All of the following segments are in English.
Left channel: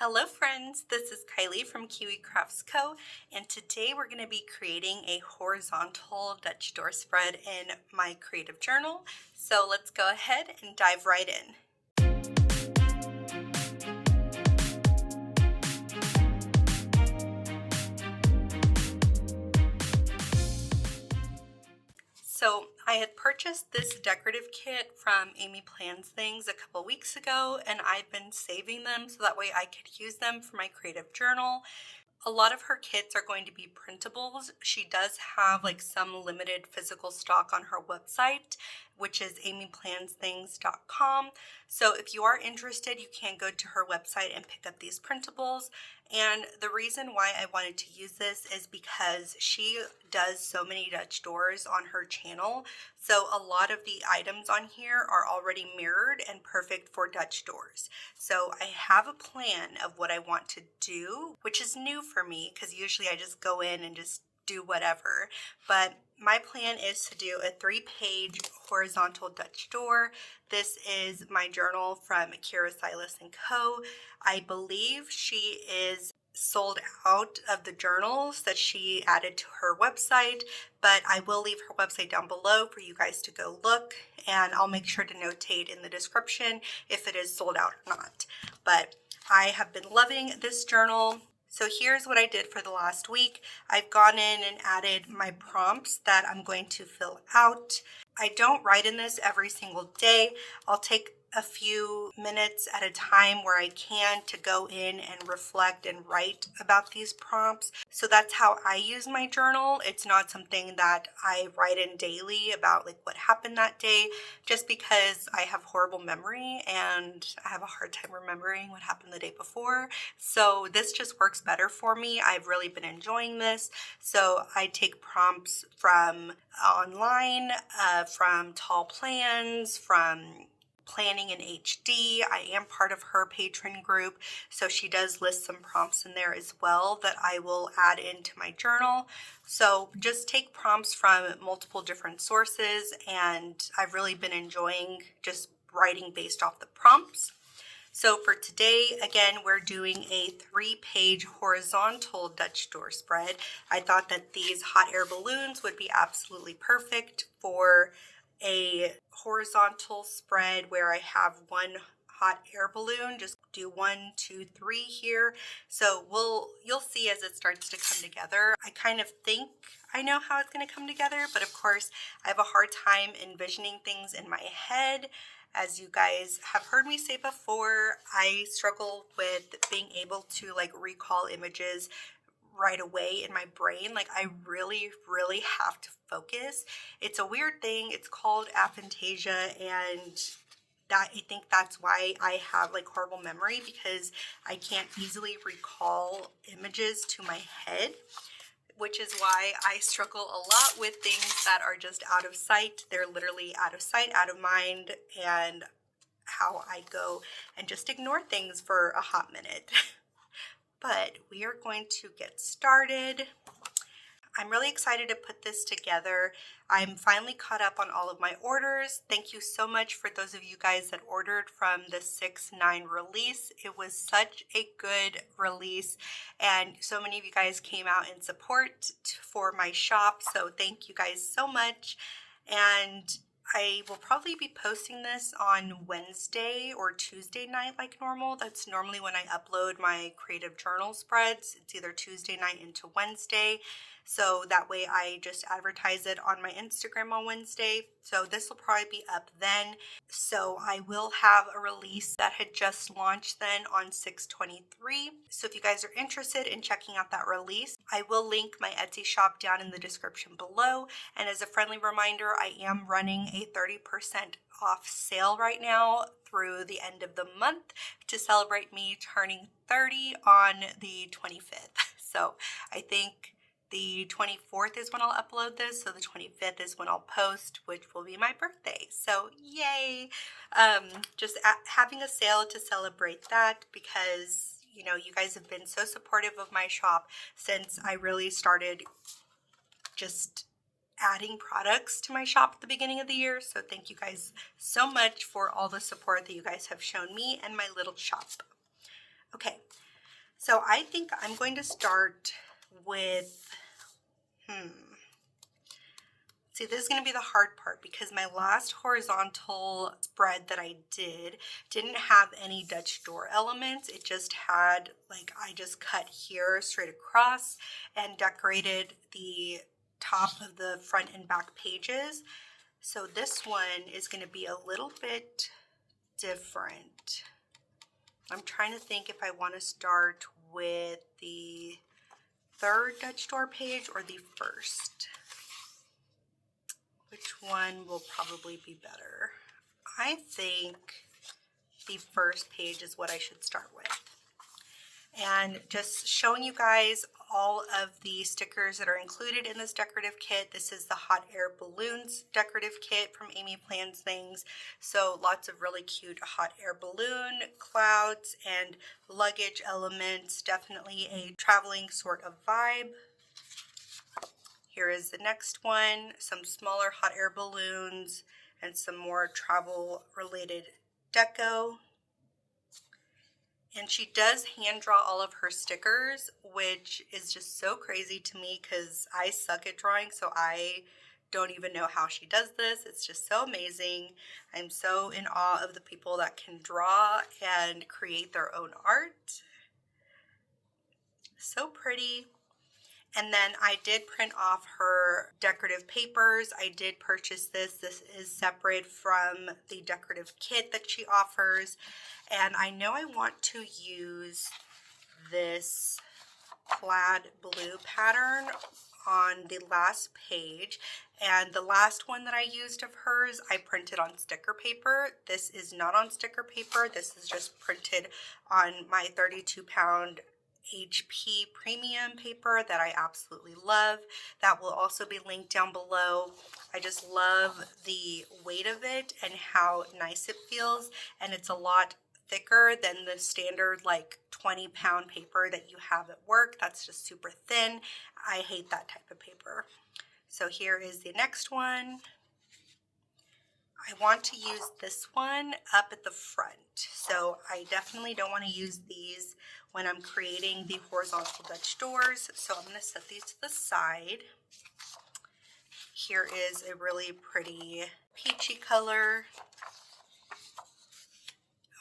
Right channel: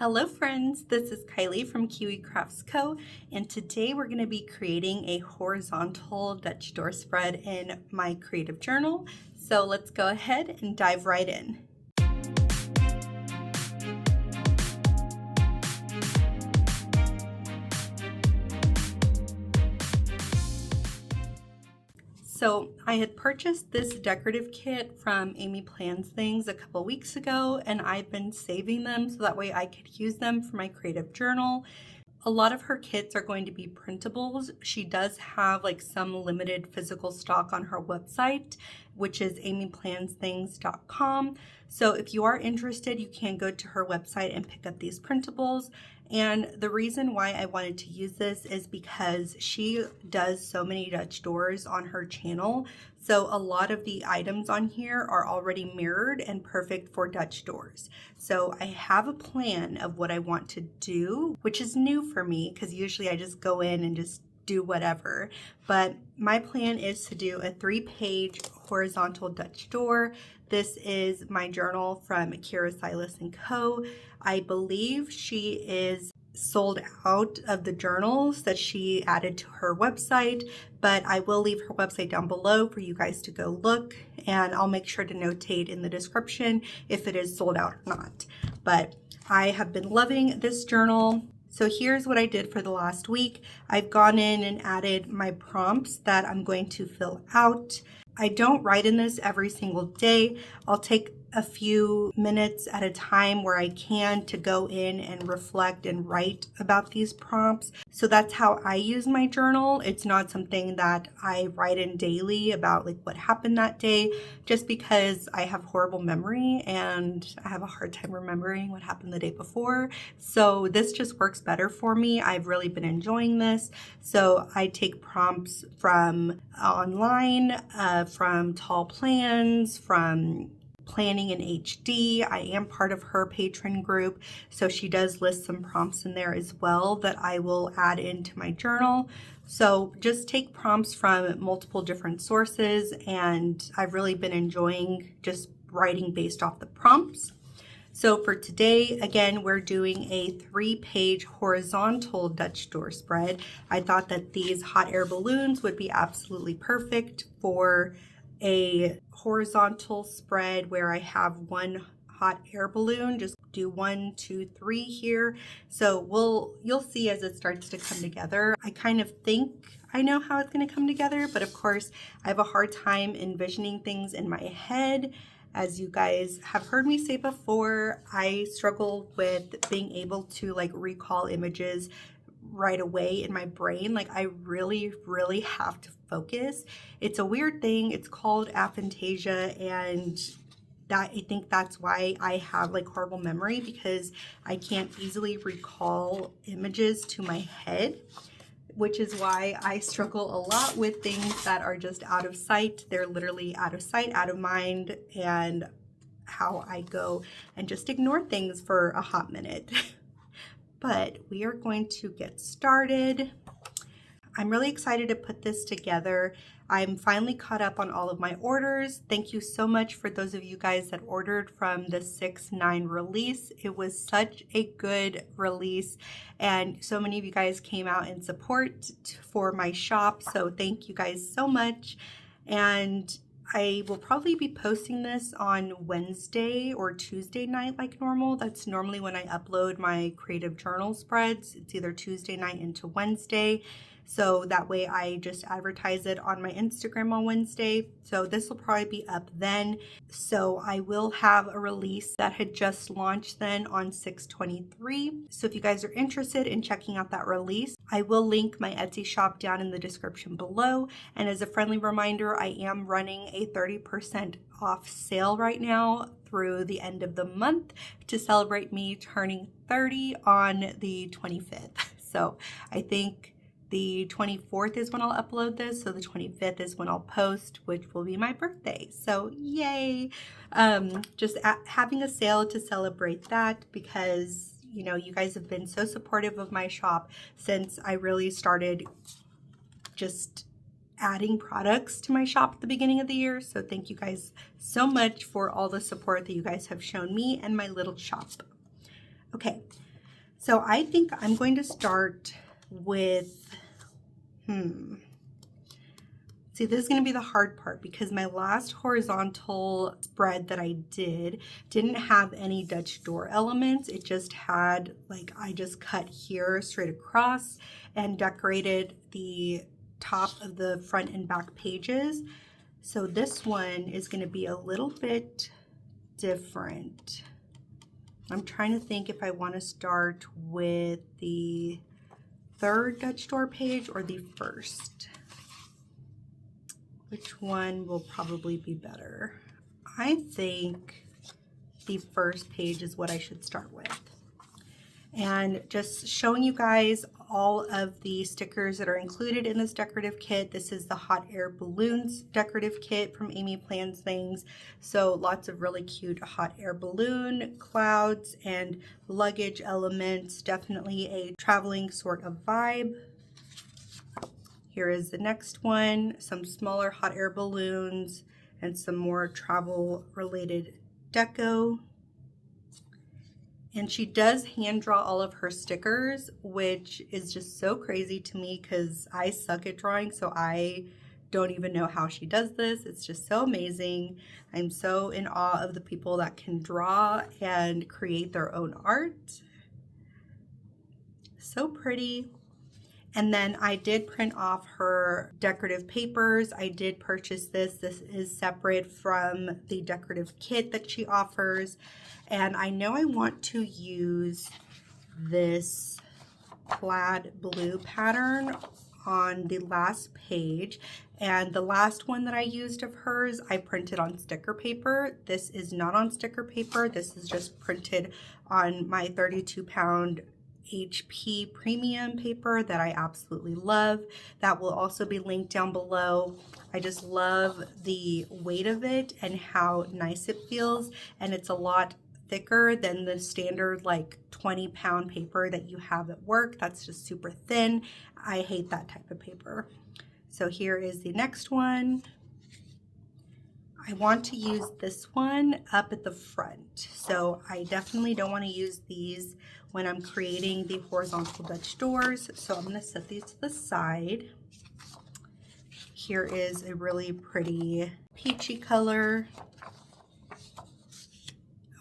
Hello friends, this is Kylie from Kiwi Crafts Co. and today we're going to be creating a horizontal Dutch door spread in my creative journal. So let's go ahead and dive right in. So I had purchased this decorative kit from Amy Plans Things a couple weeks ago, and I've been saving them so that way I could use them for my creative journal. A lot of her kits are going to be printables. She does have like some limited physical stock on her website, which is amyplansthings.com. So if you are interested, you can go to her website and pick up these printables. And the reason why I wanted to use this is because she does so many Dutch doors on her channel. So a lot of the items on here are already mirrored and perfect for Dutch doors. So I have a plan of what I want to do, which is new for me because usually I just go in and just do whatever. But my plan is to do a 3-page horizontal Dutch door. This is my journal from Silas Co. I believe she is sold out of the journals that she added to her website, but I will leave her website down below for you guys to go look, and I'll make sure to notate in the description if it is sold out or not. But I have been loving this journal. So here's what I did for the last week. I've gone in and added my prompts that I'm going to fill out. I don't write in this every single day. I'll take a few minutes at a time where I can to go in and reflect and write about these prompts. So that's how I use my journal. It's not something that I write in daily about like what happened that day, just because I have horrible memory and I have a hard time remembering what happened the day before. So this just works better for me. I've really been enjoying this. So I take prompts from online, from Tall Plans, from Planning in HD. I am part of her patron group, so she does list some prompts in there as well that I will add into my journal. So just take prompts from multiple different sources, and I've really been enjoying just writing based off the prompts. So for today, again, we're doing a 3-page horizontal Dutch door spread. I thought that these hot air balloons would be absolutely perfect for a horizontal spread where I have one hot air balloon. Just do 1, 2, 3 here. So you'll see as it starts to come together. I kind of think I know how it's going to come together, but of course I have a hard time envisioning things in my head. As you guys have heard me say before, I struggle with being able to like recall images right away in my brain. Like I really have to focus. It's a weird thing. It's called aphantasia, and that I think that's why I have like horrible memory, because I can't easily recall images to my head, which is why I struggle a lot with things that are just out of sight. They're literally out of sight, out of mind, and how I go and just ignore things for a hot minute. But we are going to get started. I'm really excited to put this together. I'm finally caught up on all of my orders. Thank you so much for those of you guys that ordered from the 6/9 release. It was such a good release, and so many of you guys came out in support for my shop. So thank you guys so much. And I will probably be posting this on Wednesday or Tuesday night like normal. That's normally when I upload my creative journal spreads. It's either Tuesday night into Wednesday. So that way I just advertise it on my Instagram on Wednesday. So this will probably be up then. So I will have a release that had just launched then on 6/23. So if you guys are interested in checking out that release, I will link my Etsy shop down in the description below. And as a friendly reminder, I am running a 30% off sale right now through the end of the month to celebrate me turning 30 on the 25th. So I think the 24th is when I'll upload this, so the 25th is when I'll post, which will be my birthday. So yay! Just having a sale to celebrate that, because you know, you guys have been so supportive of my shop since I really started just adding products to my shop at the beginning of the year. So thank you guys so much for all the support that you guys have shown me and my little shop. Okay, So I think I'm going to start with, see, this is going to be the hard part because my last horizontal spread that I didn't have any Dutch door elements. It just had, like, I just cut here straight across and decorated the top of the front and back pages. So this one is going to be a little bit different. I'm trying to think if I want to start with the third Dutch door page or the first. Which one will probably be better? I think the first page is what I should start with. And just showing you guys all of the stickers that are included in this decorative kit. This is the hot air balloons decorative kit from Amy Plans Things. So lots of really cute hot air balloon, clouds, and luggage elements. Definitely a traveling sort of vibe. Here is the next one, some smaller hot air balloons and some more travel related deco. And she does hand draw all of her stickers, which is just so crazy to me because I suck at drawing, so I don't even know how she does this. It's just so amazing. I'm so in awe of the people that can draw and create their own art. So pretty. And then I did print off her decorative papers. I did purchase this. This is separate from the decorative kit that she offers. And I know I want to use this plaid blue pattern on the last page. And the last one that I used of hers, I printed on sticker paper. This is not on sticker paper. This is just printed on my 32-pound HP premium paper that I absolutely love. That will also be linked down below. I just love the weight of it and how nice it feels, and it's a lot thicker than the standard like 20-pound paper that you have at work. That's just super thin. I hate that type of paper. So here is the next one. I want to use this one up at the front. So I definitely don't want to use these when I'm creating the horizontal Dutch doors. So I'm going to set these to the side. Here is a really pretty peachy color.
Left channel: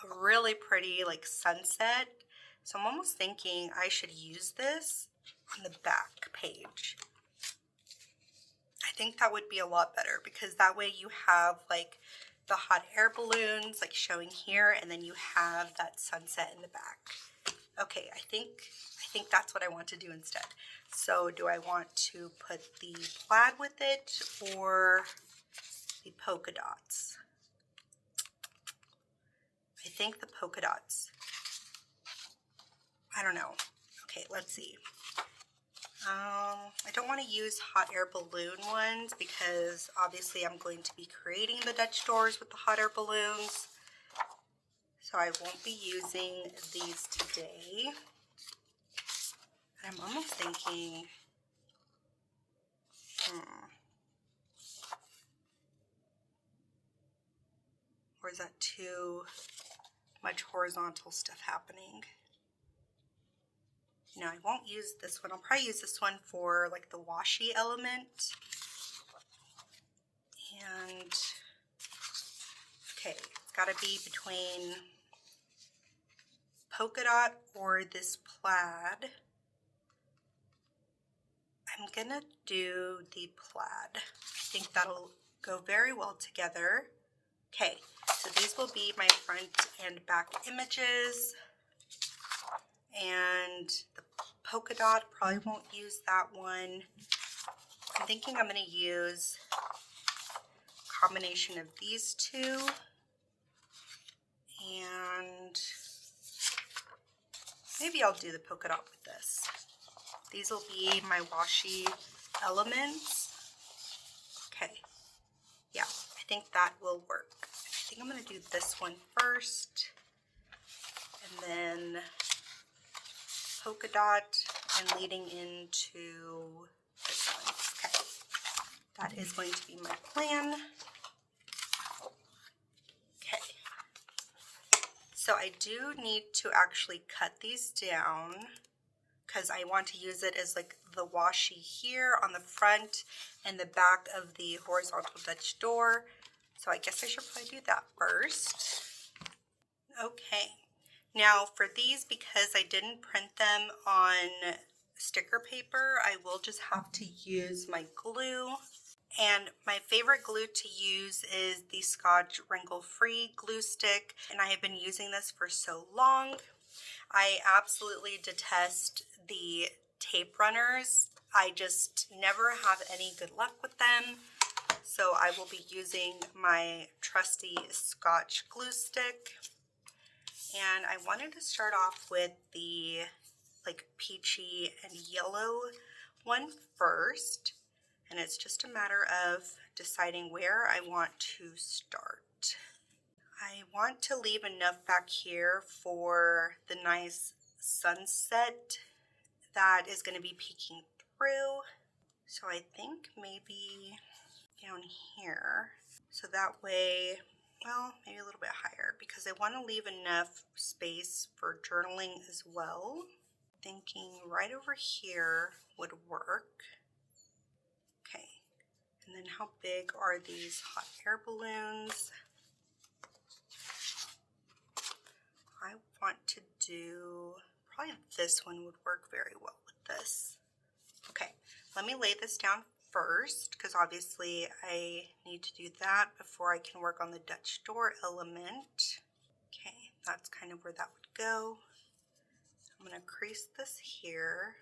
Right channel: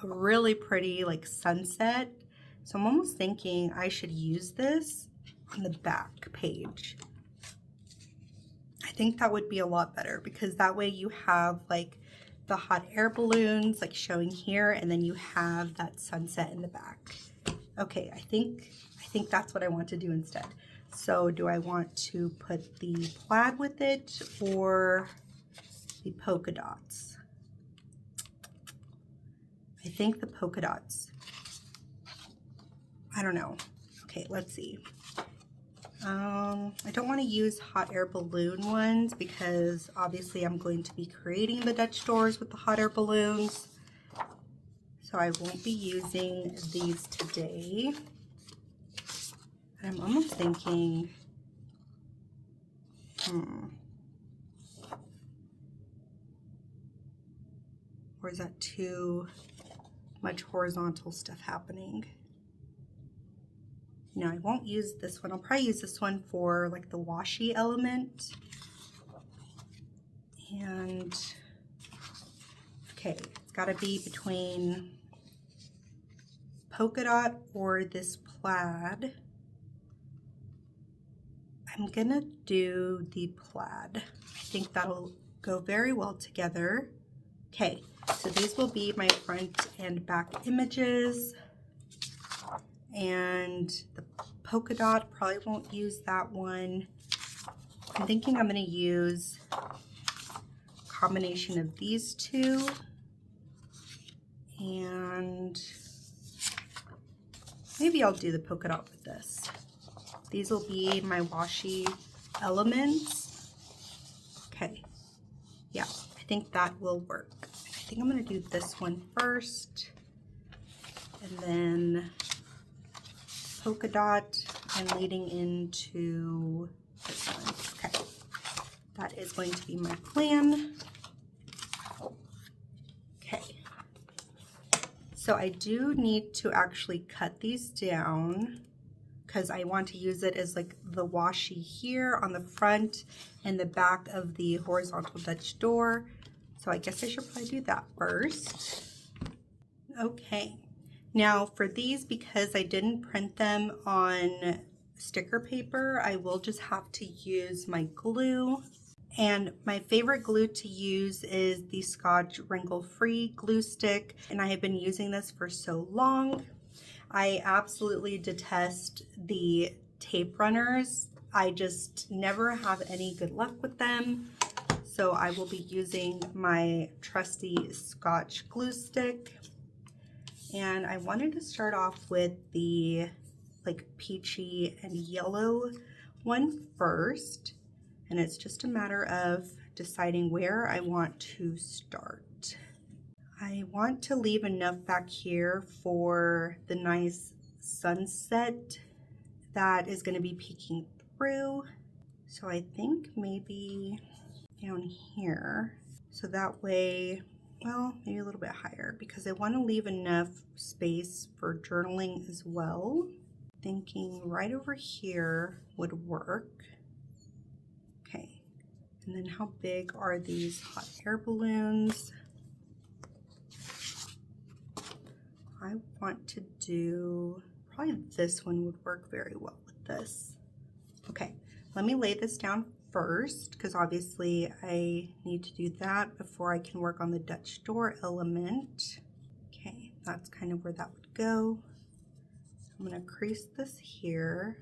A really pretty like sunset. So I'm almost thinking I should use this on the back page. I think that would be a lot better because that way you have like the hot air balloons like showing here, and then you have that sunset in the back. Okay, I think that's what I want to do instead. So do I want to put the plaid with it or the polka dots? I think the polka dots. I don't know. Okay, let's see. I don't want to use hot air balloon ones because obviously I'm going to be creating the Dutch doors with the hot air balloons. So I won't be using these today. I'm almost thinking, or is that too much horizontal stuff happening? No, I won't use this one. I'll probably use this one for like the washi element. And okay, it's got to be between polka dot or this plaid. I'm gonna do the plaid. I think that'll go very well together. Okay, so these will be my front and back images. And the polka dot, probably won't use that one. I'm thinking I'm going to use a combination of these two. And maybe I'll do the polka dot with this. These will be my washi elements. Okay, yeah, I think that will work. I think I'm going to do this one first. And then polka dot and leading into this one. Okay, that is going to be my plan. Okay, So I do need to actually cut these down because I want to use it as like the washi here on the front and the back of the horizontal Dutch door. So I guess I should probably do that first. Okay, now for these, because I didn't print them on sticker paper, I will just have to use my glue. And my favorite glue to use is the Scotch Wrinkle Free glue stick, and I have been using this for so long. I absolutely detest the tape runners. I just never have any good luck with them. So I will be using my trusty Scotch glue stick. And I wanted to start off with the like peachy and yellow one first. And it's just a matter of deciding where I want to start. I want to leave enough back here for the nice sunset that is going to be peeking through. So I think maybe down here. So that way, well, maybe a little bit higher because I want to leave enough space for journaling as well. Thinking right over here would work. Okay, and then how big are these hot air balloons? I want to do, probably this one would work very well with this. Okay, let me lay this down first because obviously I need to do that before I can work on the Dutch door element. Okay, that's kind of where that would go. I'm gonna crease this here.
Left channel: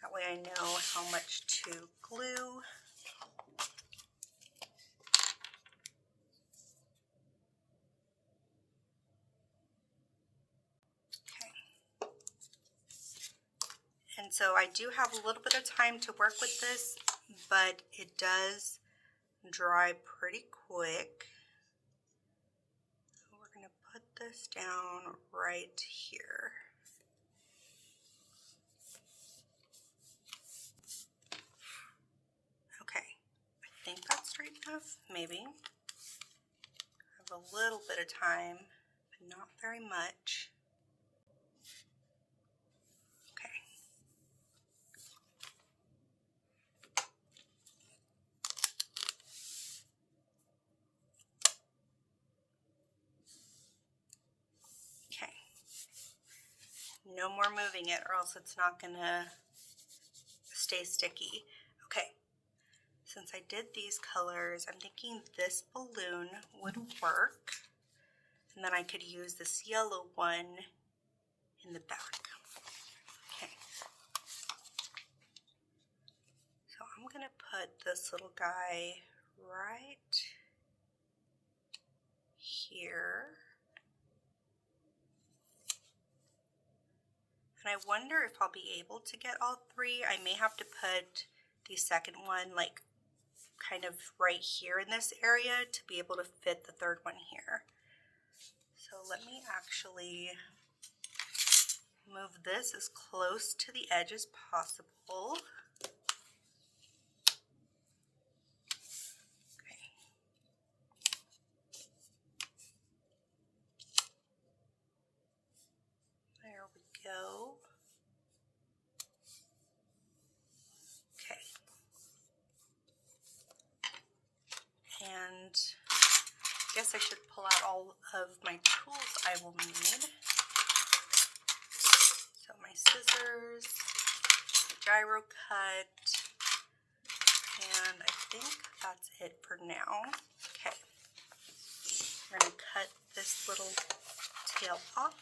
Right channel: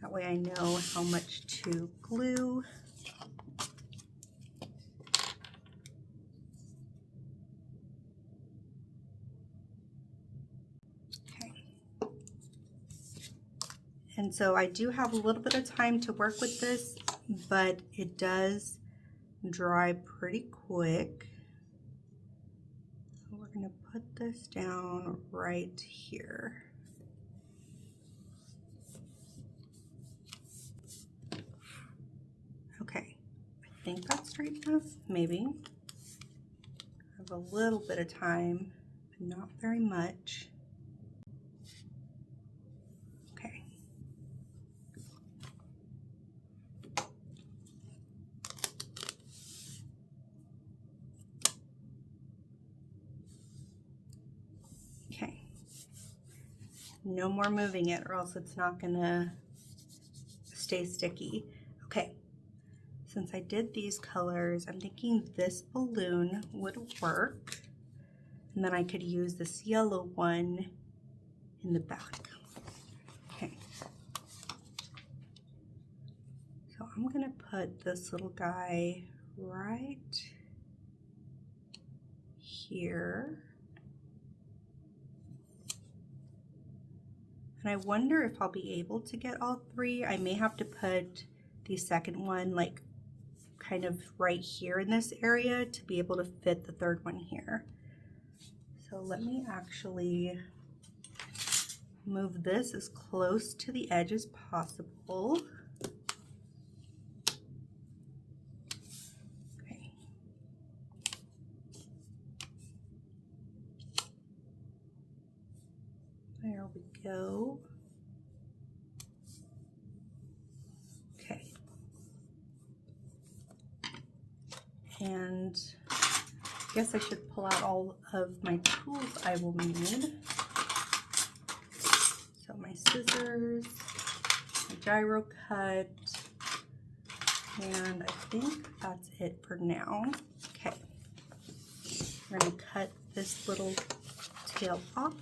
That way I know how much to glue. And so I do have a little bit of time to work with this, but it does dry pretty quick. So we're gonna put this down right here. Okay, I think that's straight enough, maybe. I have a little bit of time, but not very much. No more moving it or else it's not gonna stay sticky. Okay, since I did these colors, I'm thinking this balloon would work. And then I could use this yellow one in the back. Okay. So I'm gonna put this little guy right here. And I wonder if I'll be able to get all three. I may have to put the second one like kind of right here in this area to be able to fit the third one here. So let me actually move this as close to the edge as possible. Okay. There we go. Okay. And I guess I should pull out all of my tools I will need. So my scissors, my gyro cut, and I think that's it for now. Okay, we're gonna cut this little tail off.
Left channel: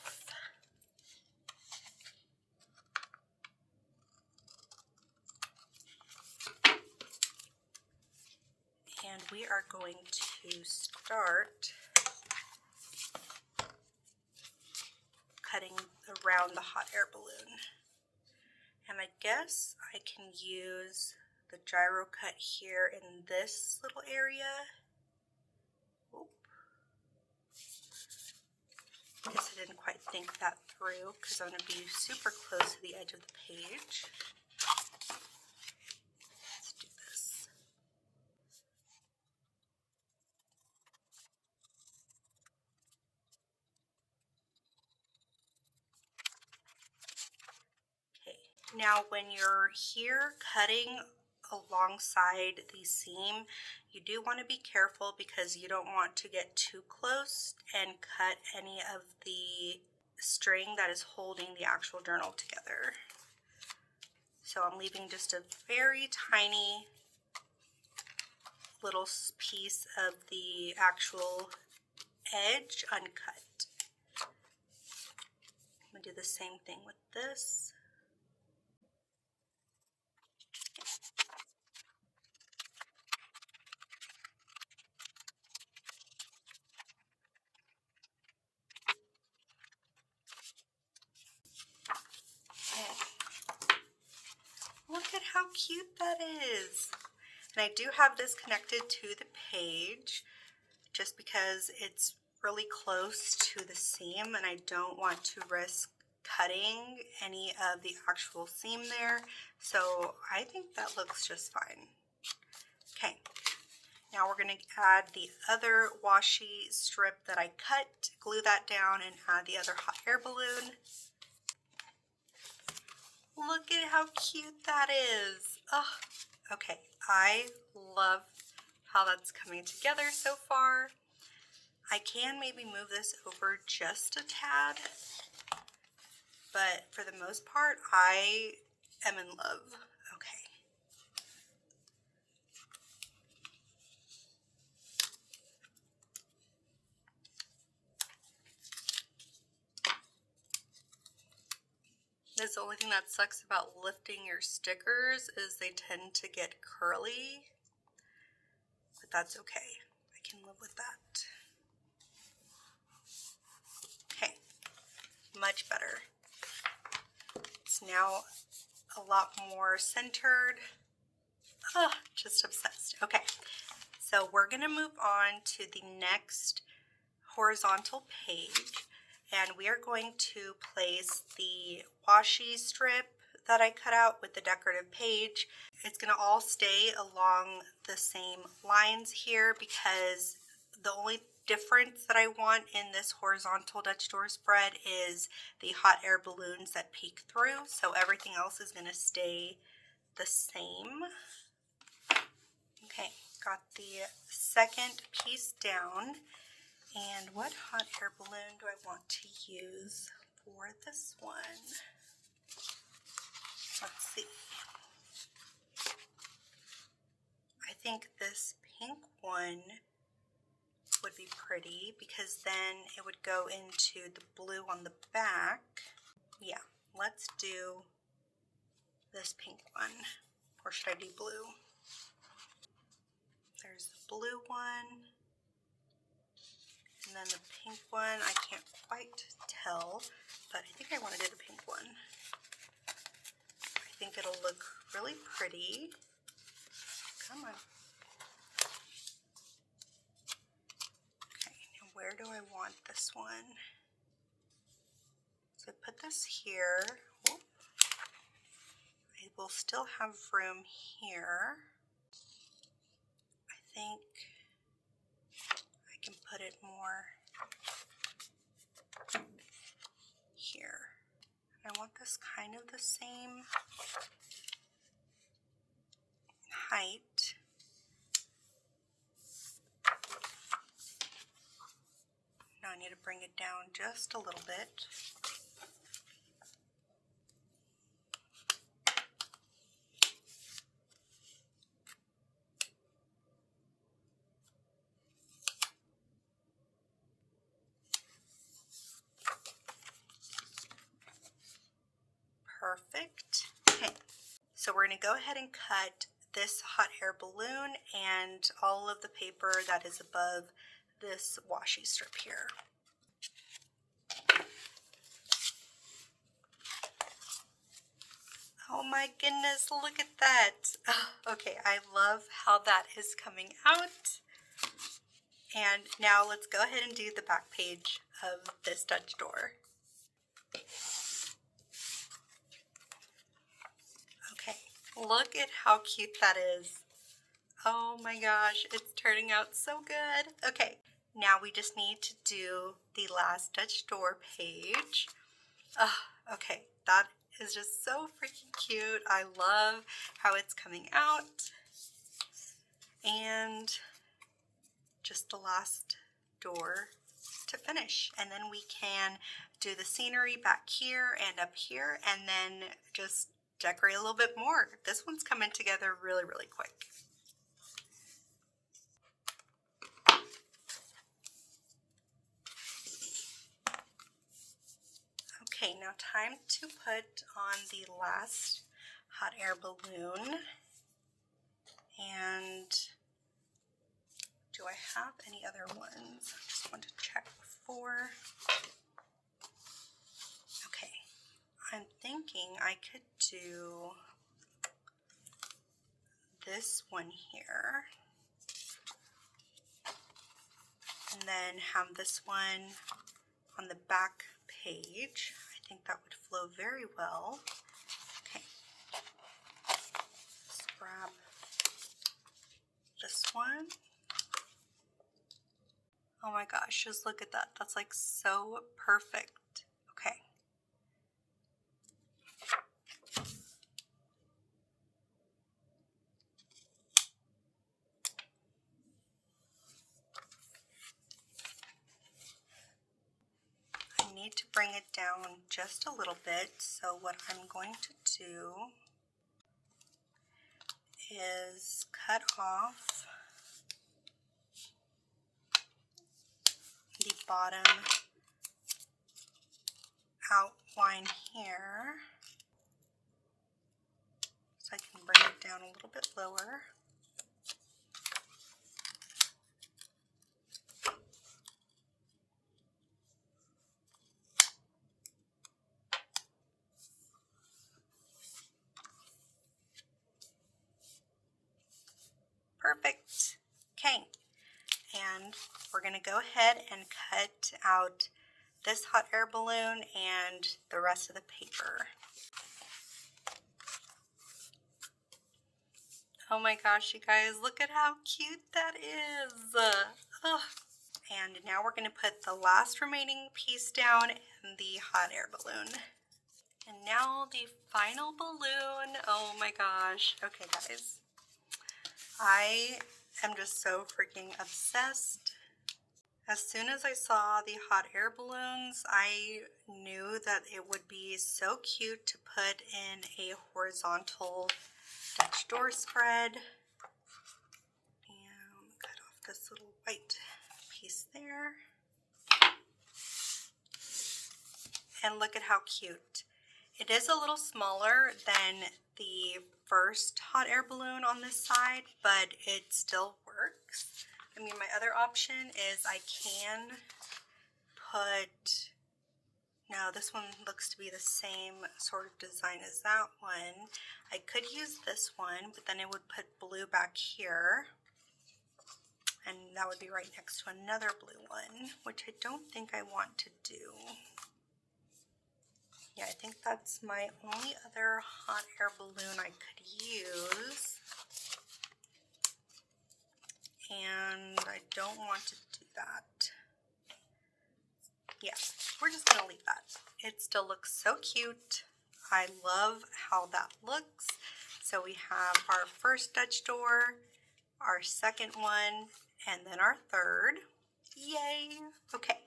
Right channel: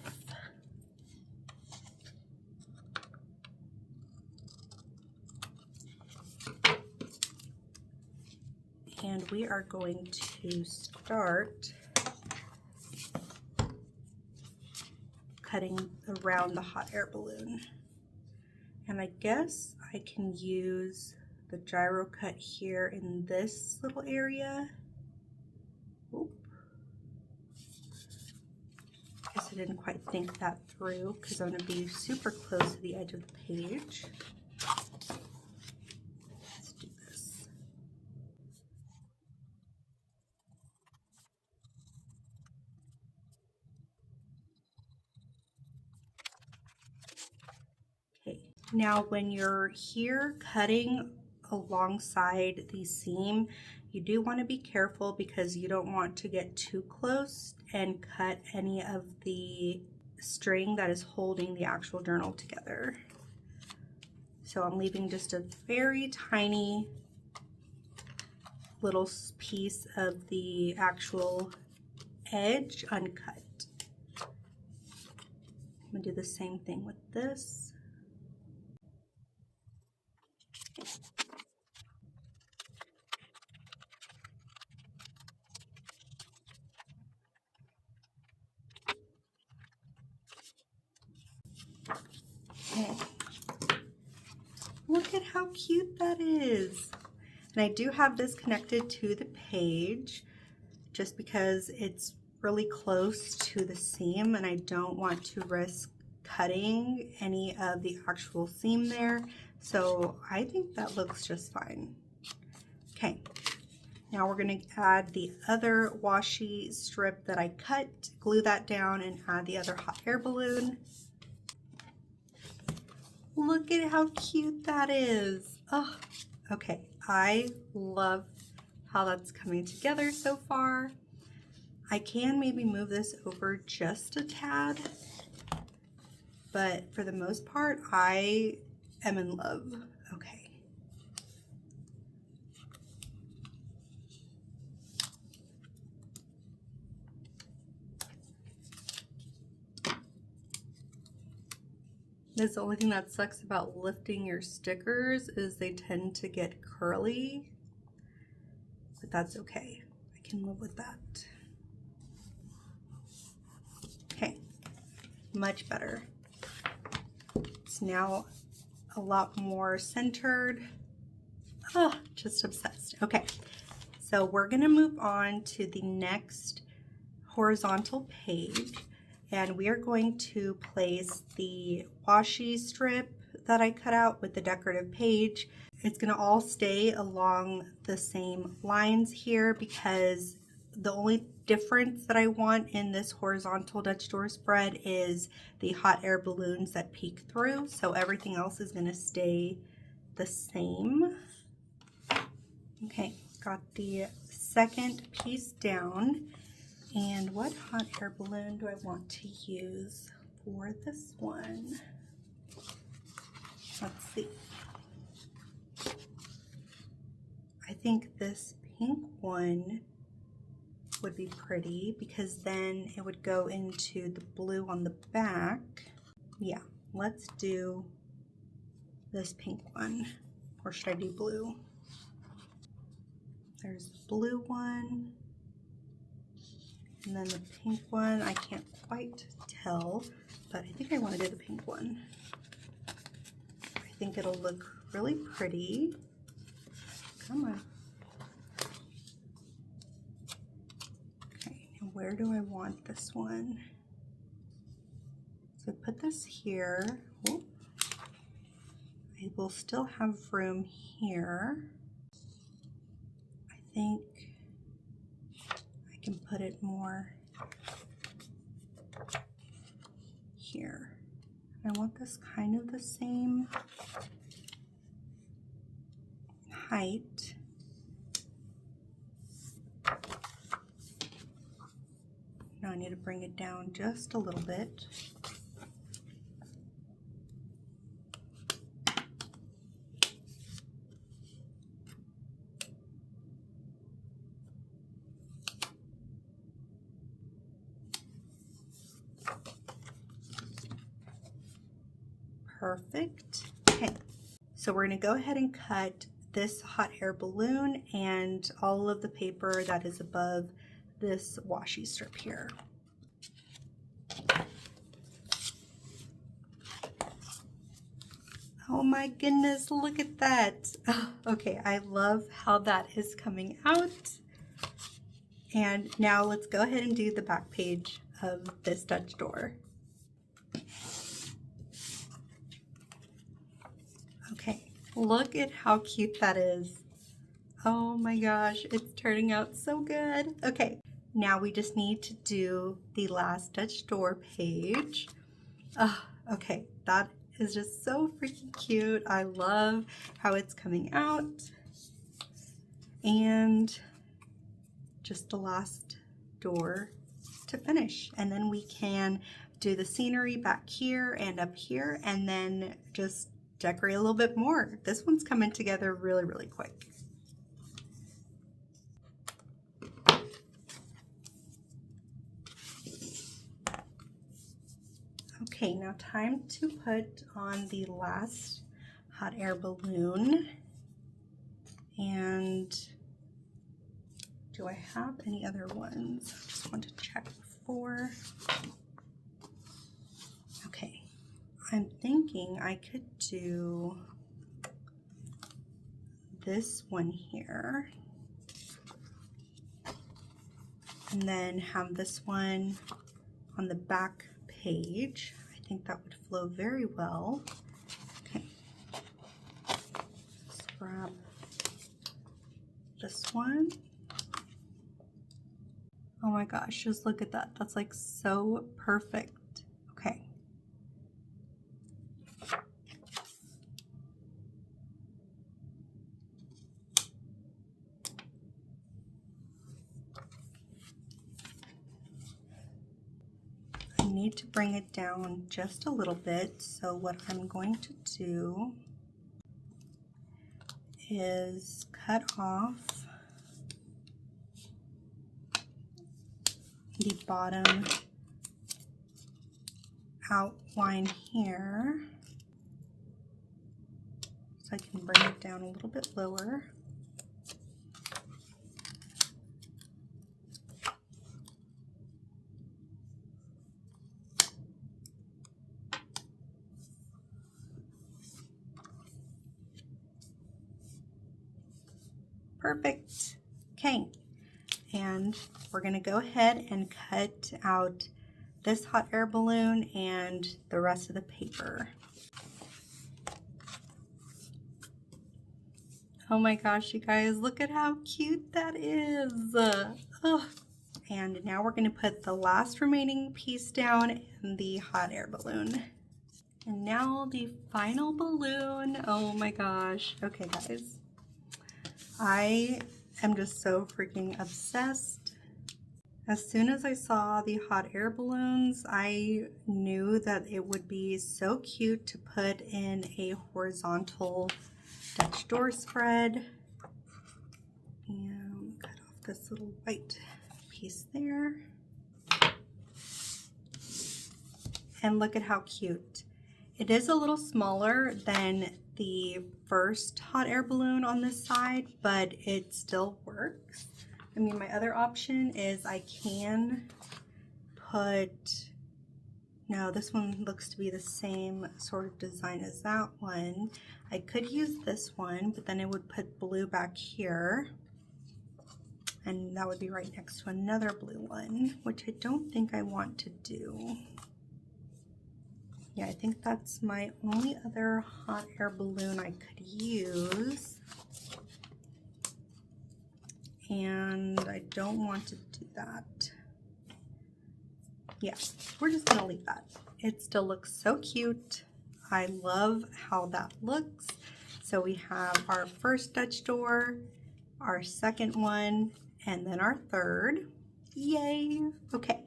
And we are going to start cutting around the hot air balloon. And I guess I can use the gyro cut here in this little area. Oop. I guess I didn't quite think that through because I'm going to be super close to the edge of the page. Let's do this. Now when you're here cutting alongside the seam, you do want to be careful because you don't want to get too close and cut any of the string that is holding the actual journal together. So I'm leaving just a very tiny little piece of the actual edge uncut. I'm gonna do the same thing with this. Okay. Look at how cute that is. And I do have this connected to the page just because it's really close to the seam and I don't want to risk cutting any of the actual seam there. So I think that looks just fine. Okay, now we're going to add the other washi strip that I cut, glue that down, and add the other hot air balloon. Look at how cute that is. Oh, okay, I love how that's coming together so far. I can maybe move this over just a tad, but for the most part, I am in love. Okay. That's the only thing that sucks about lifting your stickers is they tend to get curly, but that's okay. I can live with that. Okay, much better. It's now a lot more centered. Oh, just obsessed. Okay, so we're gonna move on to the next horizontal page, and we are going to place the washi strip that I cut out with the decorative page. It's gonna all stay along the same lines here because the only difference that I want in this horizontal Dutch door spread is the hot air balloons that peek through. So everything else is gonna stay the same. Okay, got the second piece down. And what hot air balloon do I want to use for this one? Let's see. I think this pink one would be pretty because then it would go into the blue on the back. Yeah, let's do this pink one. Or should I do blue? There's the blue one. And then the pink one, I can't quite tell, but I think I want to do the pink one. I think it'll look really pretty. Come on. Okay, now where do I want this one? So put this here. Oh, I will still have room here. I think I can put it more here. I want this kind of the same height. Now I need to bring it down just a little bit. Perfect. Okay, so we're going to go ahead and cut this hot air balloon and all of the paper that is above this washi strip here. Oh my goodness, look at that. Oh, okay, I love how that is coming out. And now let's go ahead and do the back page of this Dutch door. Okay, look at how cute that is. Oh my gosh, it's turning out so good. Okay, now we just need to do the last Dutch door page. Okay, that is just so freaking cute. I love how it's coming out. And just the last door to finish. And then we can do the scenery back here and up here, and then just decorate a little bit more. This one's coming together really, really quick. Okay, now time to put on the last hot air balloon. And do I have any other ones? I just want to check before. Okay, I'm thinking I could do this one here. And then have this one on the back page. I think that would flow very well. Okay, let's grab this one. Oh my gosh, just look at that. That's like so perfect. Okay. I need to bring it down just a little bit. So what I'm going to do is cut off the bottom outline here, so I can bring it down a little bit lower. Perfect. Okay, and we're going to go ahead and cut out this hot air balloon and the rest of the paper. Oh my gosh, you guys, look at how cute that is. Oh. And now we're going to put the last remaining piece down in the hot air balloon. And now the final balloon. Oh my gosh. Okay, guys. I am just so freaking obsessed. As soon as I saw the hot air balloons, I knew that it would be so cute to put in a horizontal Dutch door spread. And cut off this little white piece there. And look at how cute. It is a little smaller than the first hot air balloon on this side, but it still works. I mean, my other option is I can put, no, this one looks to be the same sort of design as that one. I could use this one, but then it would put blue back here. And that would be right next to another blue one, which I don't think I want to do. Yeah, I think that's my only other hot air balloon I could use. And I don't want to do that. Yeah, we're just gonna leave that. It still looks so cute. I love how that looks. So we have our first Dutch door, our second one, and then our third. Yay! Okay,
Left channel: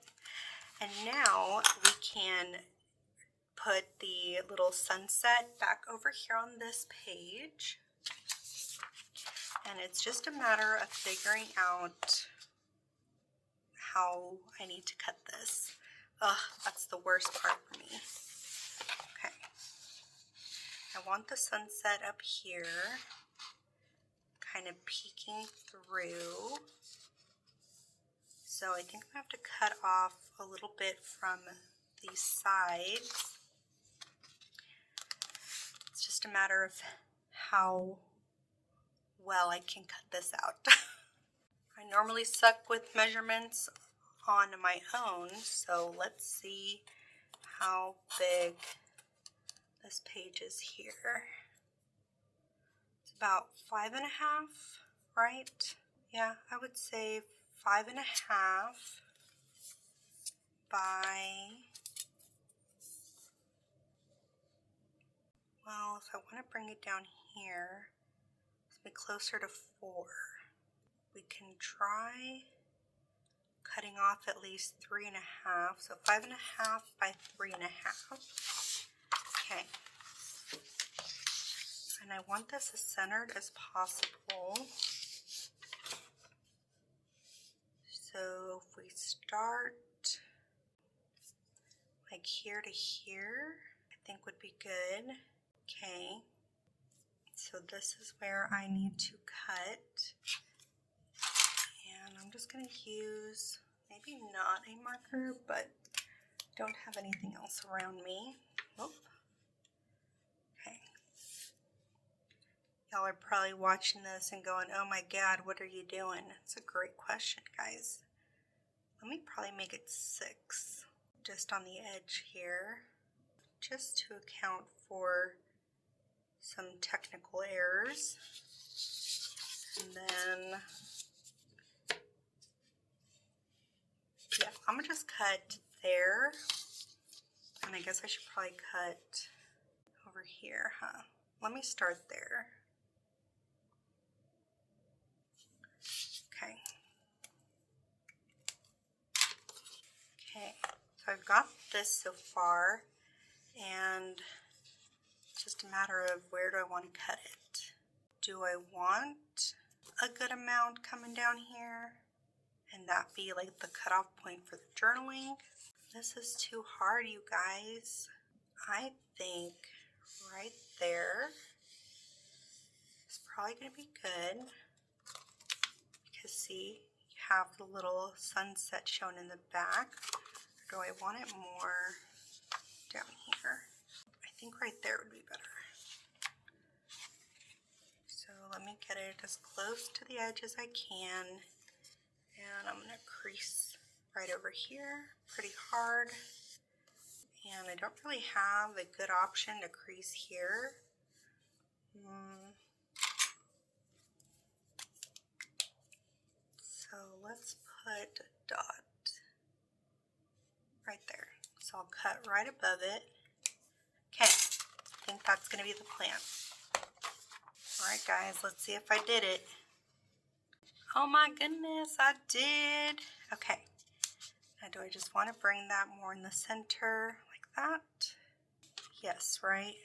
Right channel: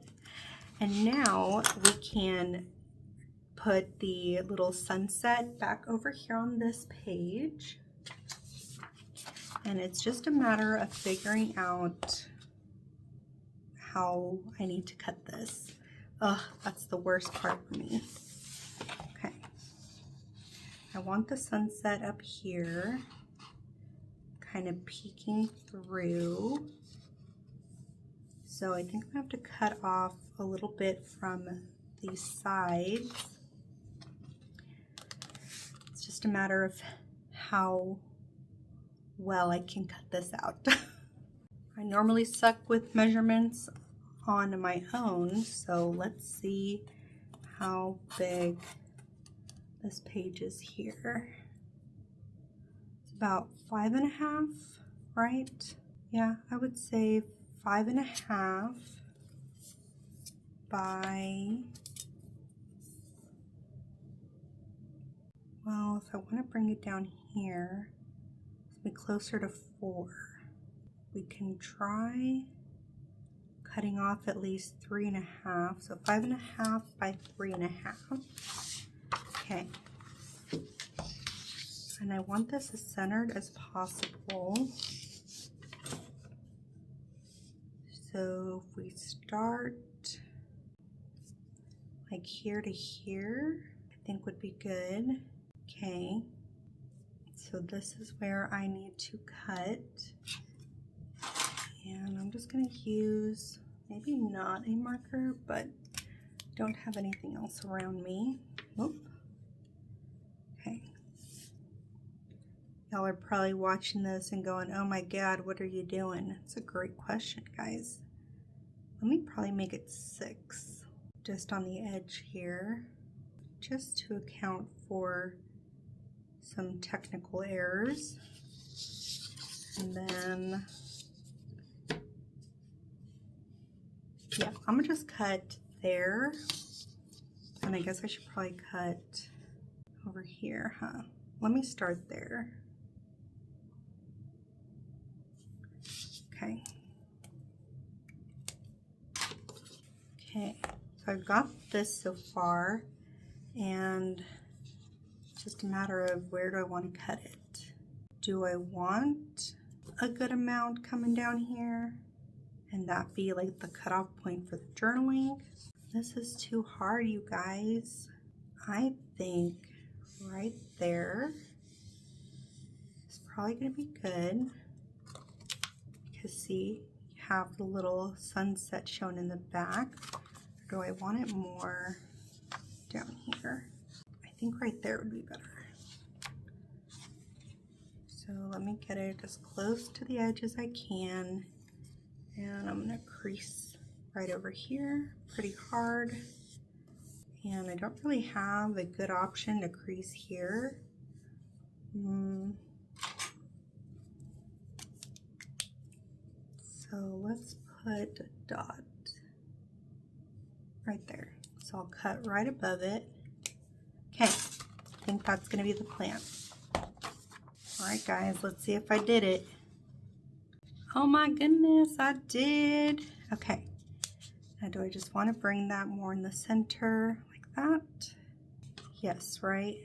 and now we can put the little sunset back over here on this page. And it's just a matter of figuring out how I need to cut this. Ugh, that's the worst part for me. Okay. I want the sunset up here, kind of peeking through. So I think I have to cut off a little bit from these sides. It's just a matter of how well I can cut this out. I normally suck with measurements on my own, so let's see how big this page is here. It's about 5.5, right? Yeah, I would say 5.5 by Well, if I want to bring it down here, it's be closer to 4. We can try cutting off at least 3.5, so 5.5 by 3.5. Okay. And I want this as centered as possible. So if we start like here to here, I think would be good. Okay. So this is where I need to cut. And I'm just going to use maybe not a marker, but don't have anything else around me. Oop. Okay. Y'all are probably watching this and going, oh my God, what are you doing? It's a great question, guys. Let me probably make it 6, just on the edge here, just to account for some technical errors. And then, yeah, I'm gonna just cut there. And I guess I should probably cut over here, huh? Let me start there. Okay. Okay, so I've got this so far, and it's just a matter of where do I want to cut it. Do I want a good amount coming down here and that be like the cutoff point for the journaling? This is too hard, you guys. I think right there is probably going to be good, because see, you have the little sunset shown in the back. Or do I want it more down here? I think right there would be better. So let me get it as close to the edge as I can, and I'm going to crease right over here pretty hard. And I don't really have a good option to crease here. So let's put a dot right there. So I'll cut right above it. Okay, I think that's going to be the plan. All right, guys, let's see if I did it. Oh my goodness, I did. Okay, now do I just want to bring that more in the center like that? Yes, right?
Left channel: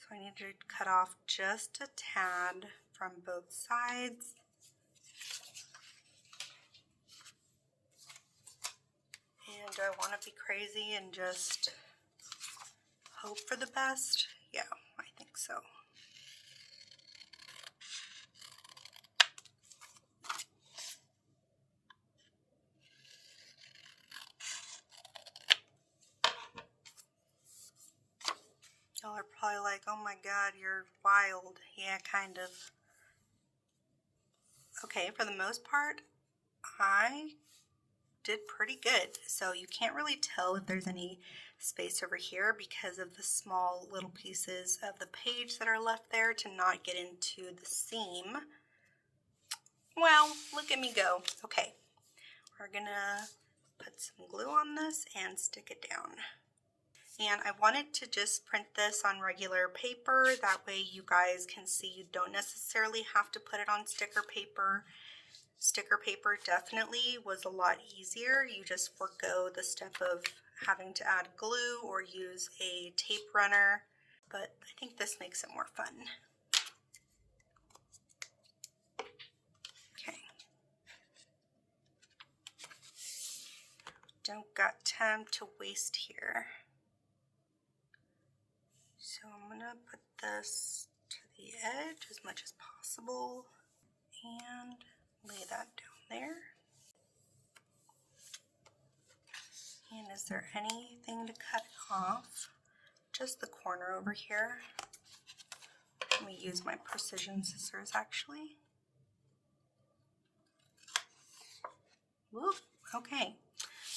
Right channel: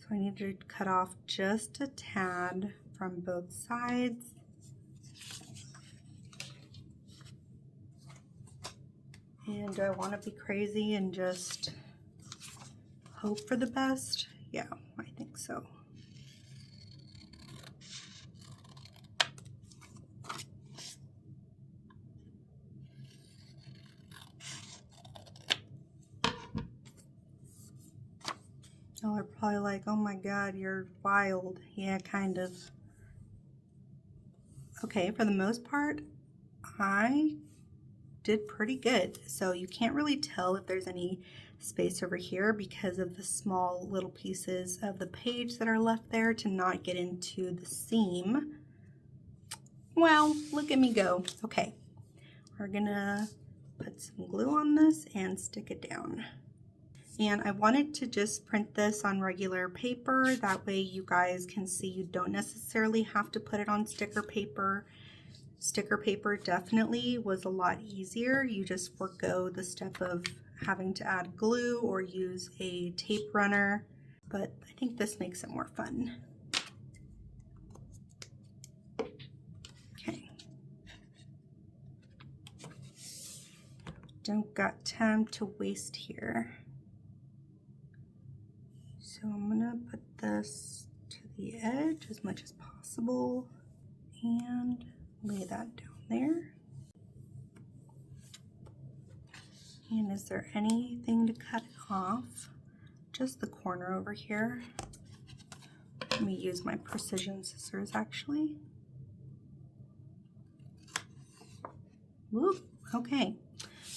So I need to cut off just a tad from both sides. And do I want to be crazy and just hope for the best? Yeah, I think so. Y'all are probably like, oh my God, you're wild. Yeah, kind of. Okay, for the most part, I did pretty good. So you can't really tell if there's any space over here because of the small little pieces of the page that are left there to not get into the seam. Well, look at me go. Okay, we're gonna put some glue on this and stick it down. And I wanted to just print this on regular paper. That way you guys can see you don't necessarily have to put it on sticker paper. Sticker paper definitely was a lot easier. You just forego the step of having to add glue or use a tape runner, but I think this makes it more fun. Okay. Don't got time to waste here. So I'm gonna put this to the edge as much as possible and lay that down there. And is there anything to cut off? Just the corner over here. Let me use my precision scissors actually. Whoop, okay.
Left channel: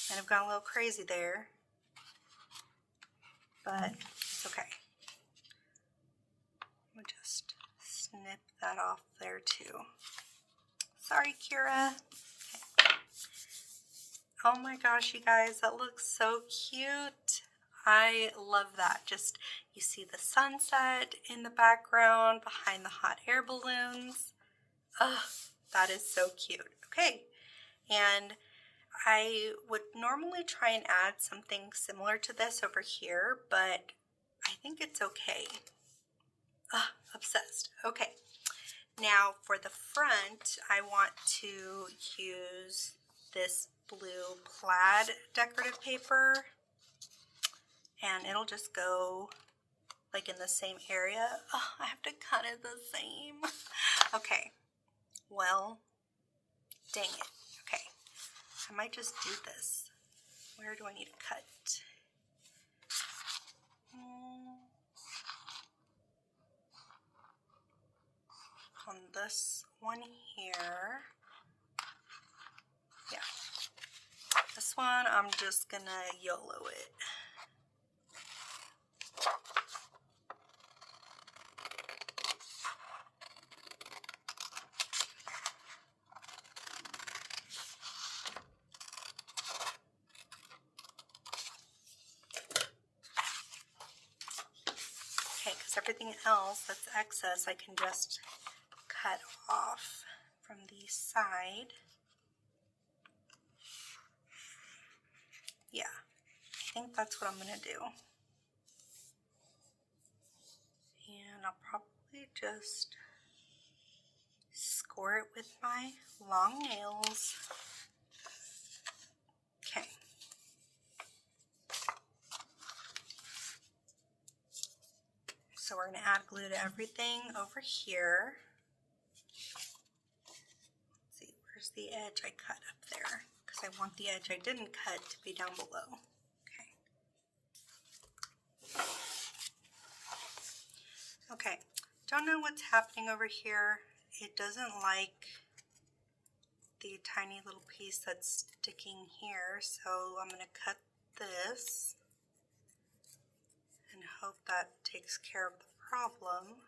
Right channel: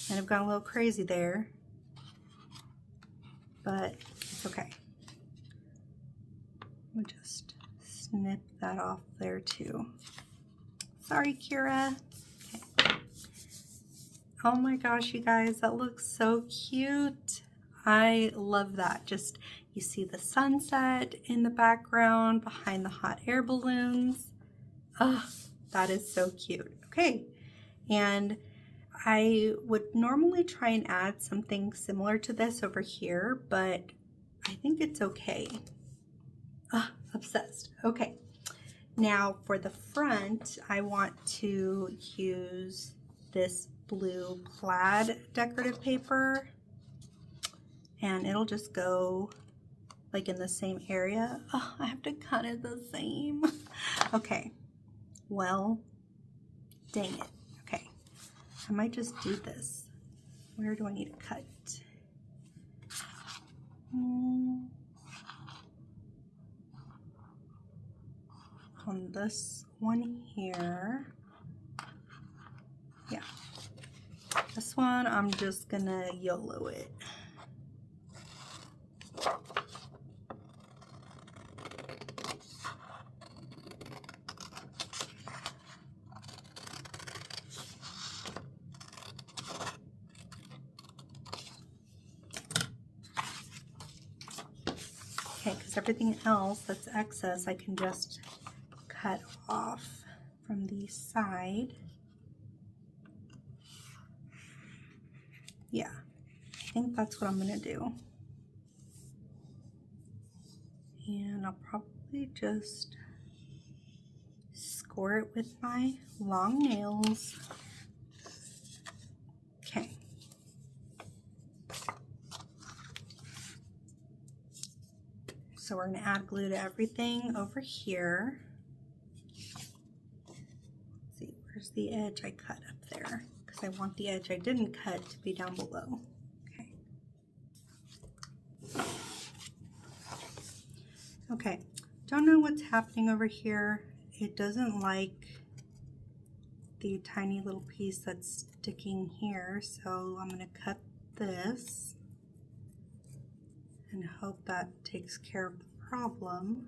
Might have gone a little crazy there, but it's okay. We'll just snip that off there too. Sorry, Kira. Okay. Oh my gosh, you guys, that looks so cute. I love that. Just, you see the sunset in the background behind the hot air balloons. Oh, that is so cute. Okay, and I would normally try and add something similar to this over here, but I think it's okay. Obsessed. Okay, now for the front, I want to use this blue plaid decorative paper, and it'll just go like in the same area. Oh, I have to cut it the same. Okay, well, dang it. Okay, I might just do this. Where do I need to cut? On this one here. Yeah. This one, I'm just gonna YOLO it. Okay, because everything else that's excess, I can just cut off from the side. Yeah, I think that's what I'm gonna do. And I'll probably just score it with my long nails. Okay. So we're going to add glue to everything over here. Let's see, where's the edge I cut up there? Because I want the edge I didn't cut to be down below. Okay. Okay, don't know what's happening over here. It doesn't like the tiny little piece that's sticking here, so I'm going to cut this and hope that takes care of the problem.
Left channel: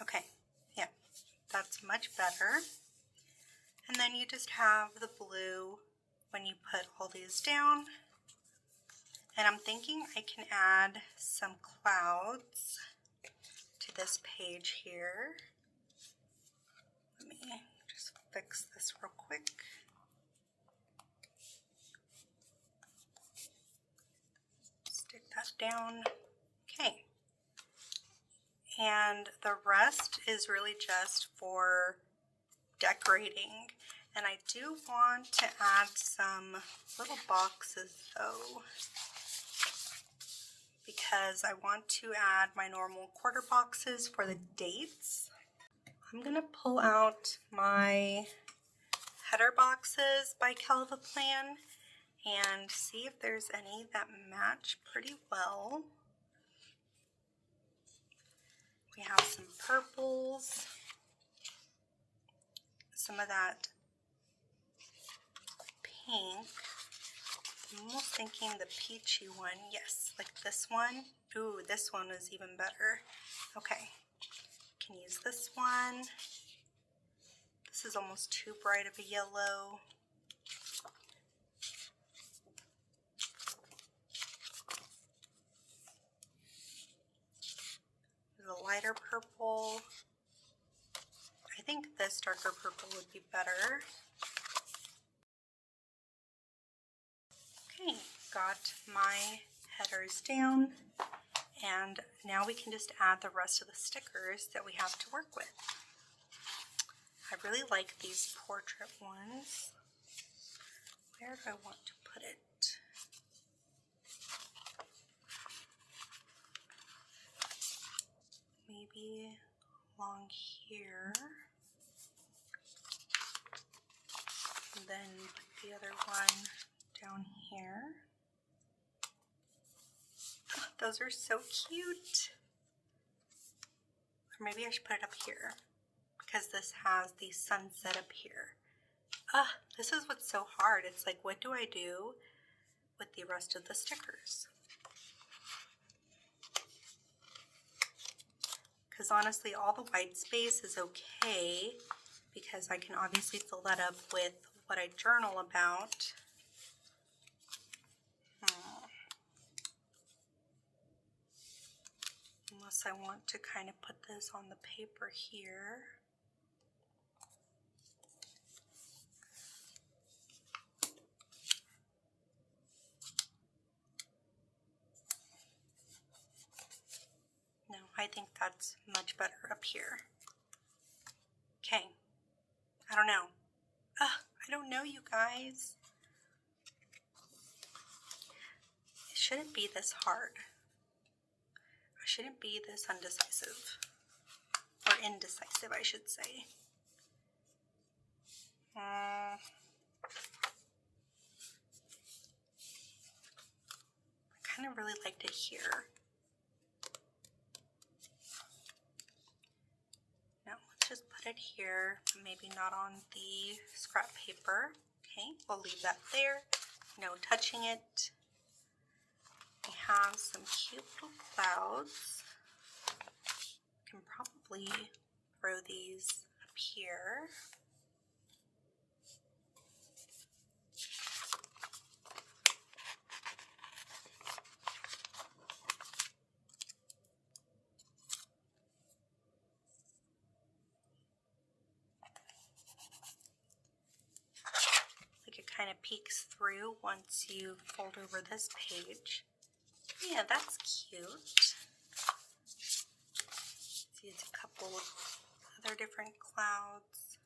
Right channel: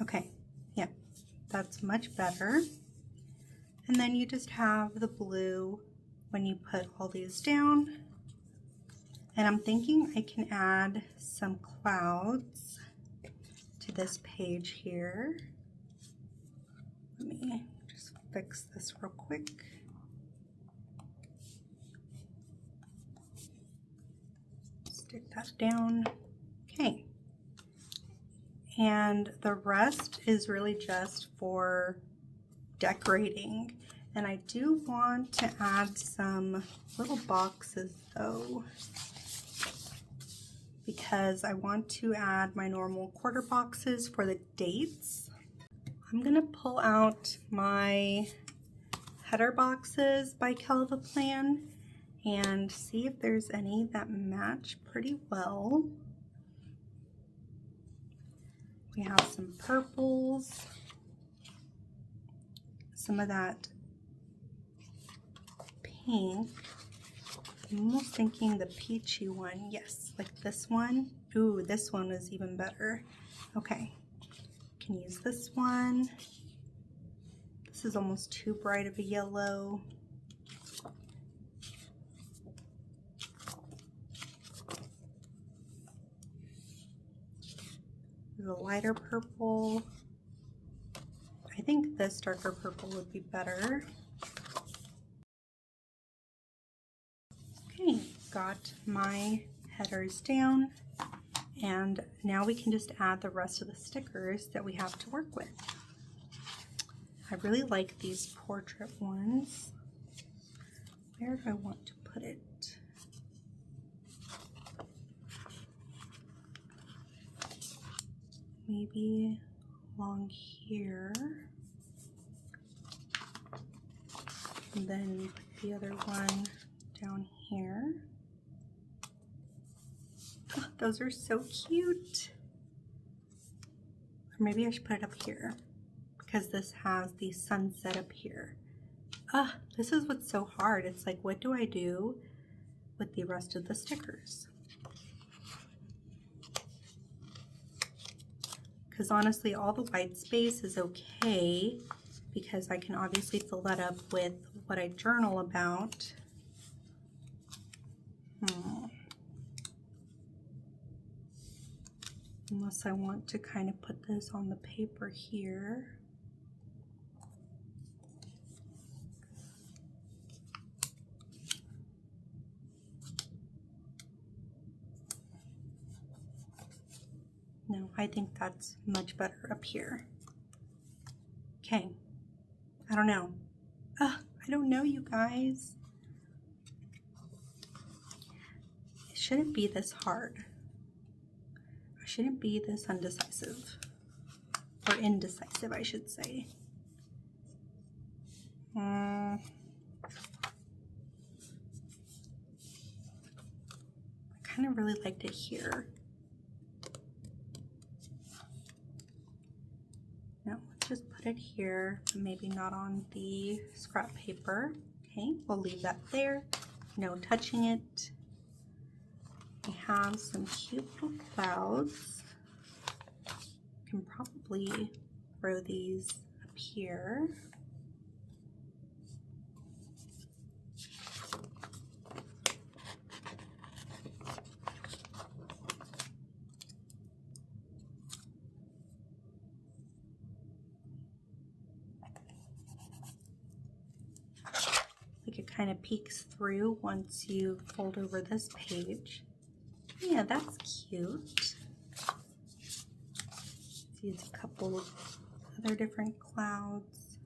Okay, yeah, that's much better. And then you just have the blue when you put all these down. And I'm thinking I can add some clouds to this page here. Let me just fix this real quick. Stick that down. Okay. And the rest is really just for decorating. And I do want to add some little boxes though, because I want to add my normal quarter boxes for the dates. I'm gonna pull out my header boxes by Calva Plan and see if there's any that match pretty well. We have some purples, some of that pink. I'm almost thinking the peachy one. Yes, like this one. Ooh, this one is even better. Okay, can use this one. This is almost too bright of a yellow. There's a lighter purple. I think this darker purple would be better. Okay, got my headers down, and now we can just add the rest of the stickers that we have to work with. I really like these portrait ones. Where do I want to put it? Maybe along here. And then put the other one down here. Oh, those are so cute. Or maybe I should put it up here because this has the sunset up here. Ah, this is what's so hard. It's like, what do I do with the rest of the stickers? because honestly all the white space is okay because I can obviously fill that up with what I journal about. Unless I want to kind of put this on the paper here. No, I think that's much better up here. Okay, I don't know. I don't know, you guys. It shouldn't be this hard. I shouldn't be this undecisive. Or indecisive, I should say. I kind of really liked it here. No, let's just put it here, but maybe not on the scrap paper. Okay, we'll leave that there. No touching it. We have some cute little clouds. Can probably throw these up here. Like it kind of peeks through once you fold over this page. Yeah, that's cute. See, it's a couple of other different clouds.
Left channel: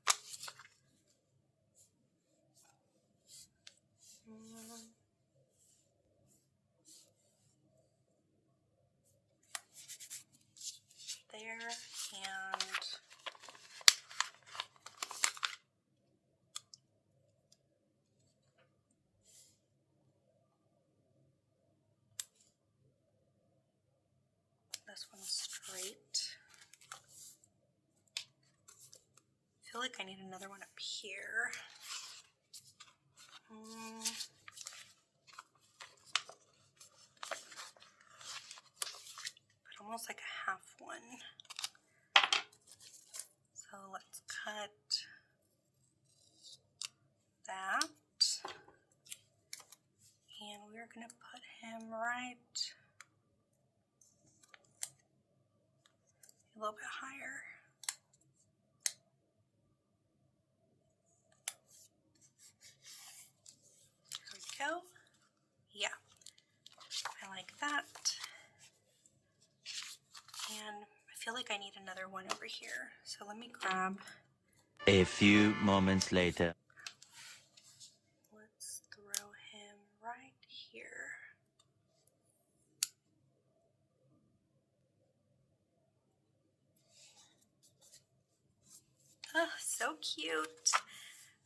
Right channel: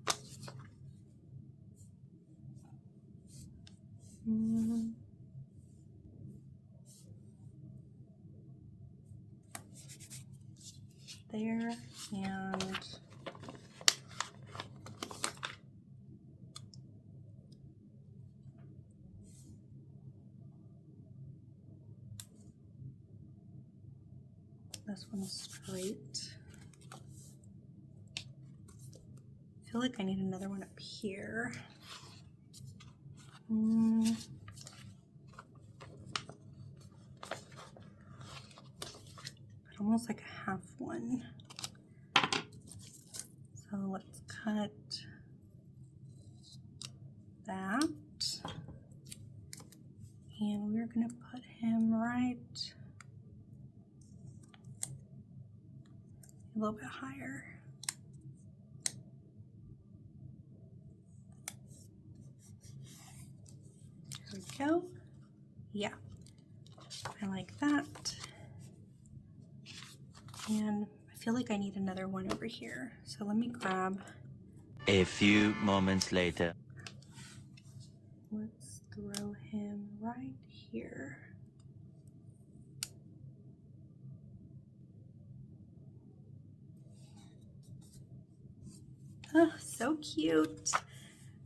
There, and this one's straight. I feel like I need another one up here. But almost like a half one. So let's cut that. And we're gonna put him right a little bit higher. There we go. Yeah, I like that. And I feel like I need another one over here. So let me grab. A few moments later. Let's throw him right here. Oh, so cute.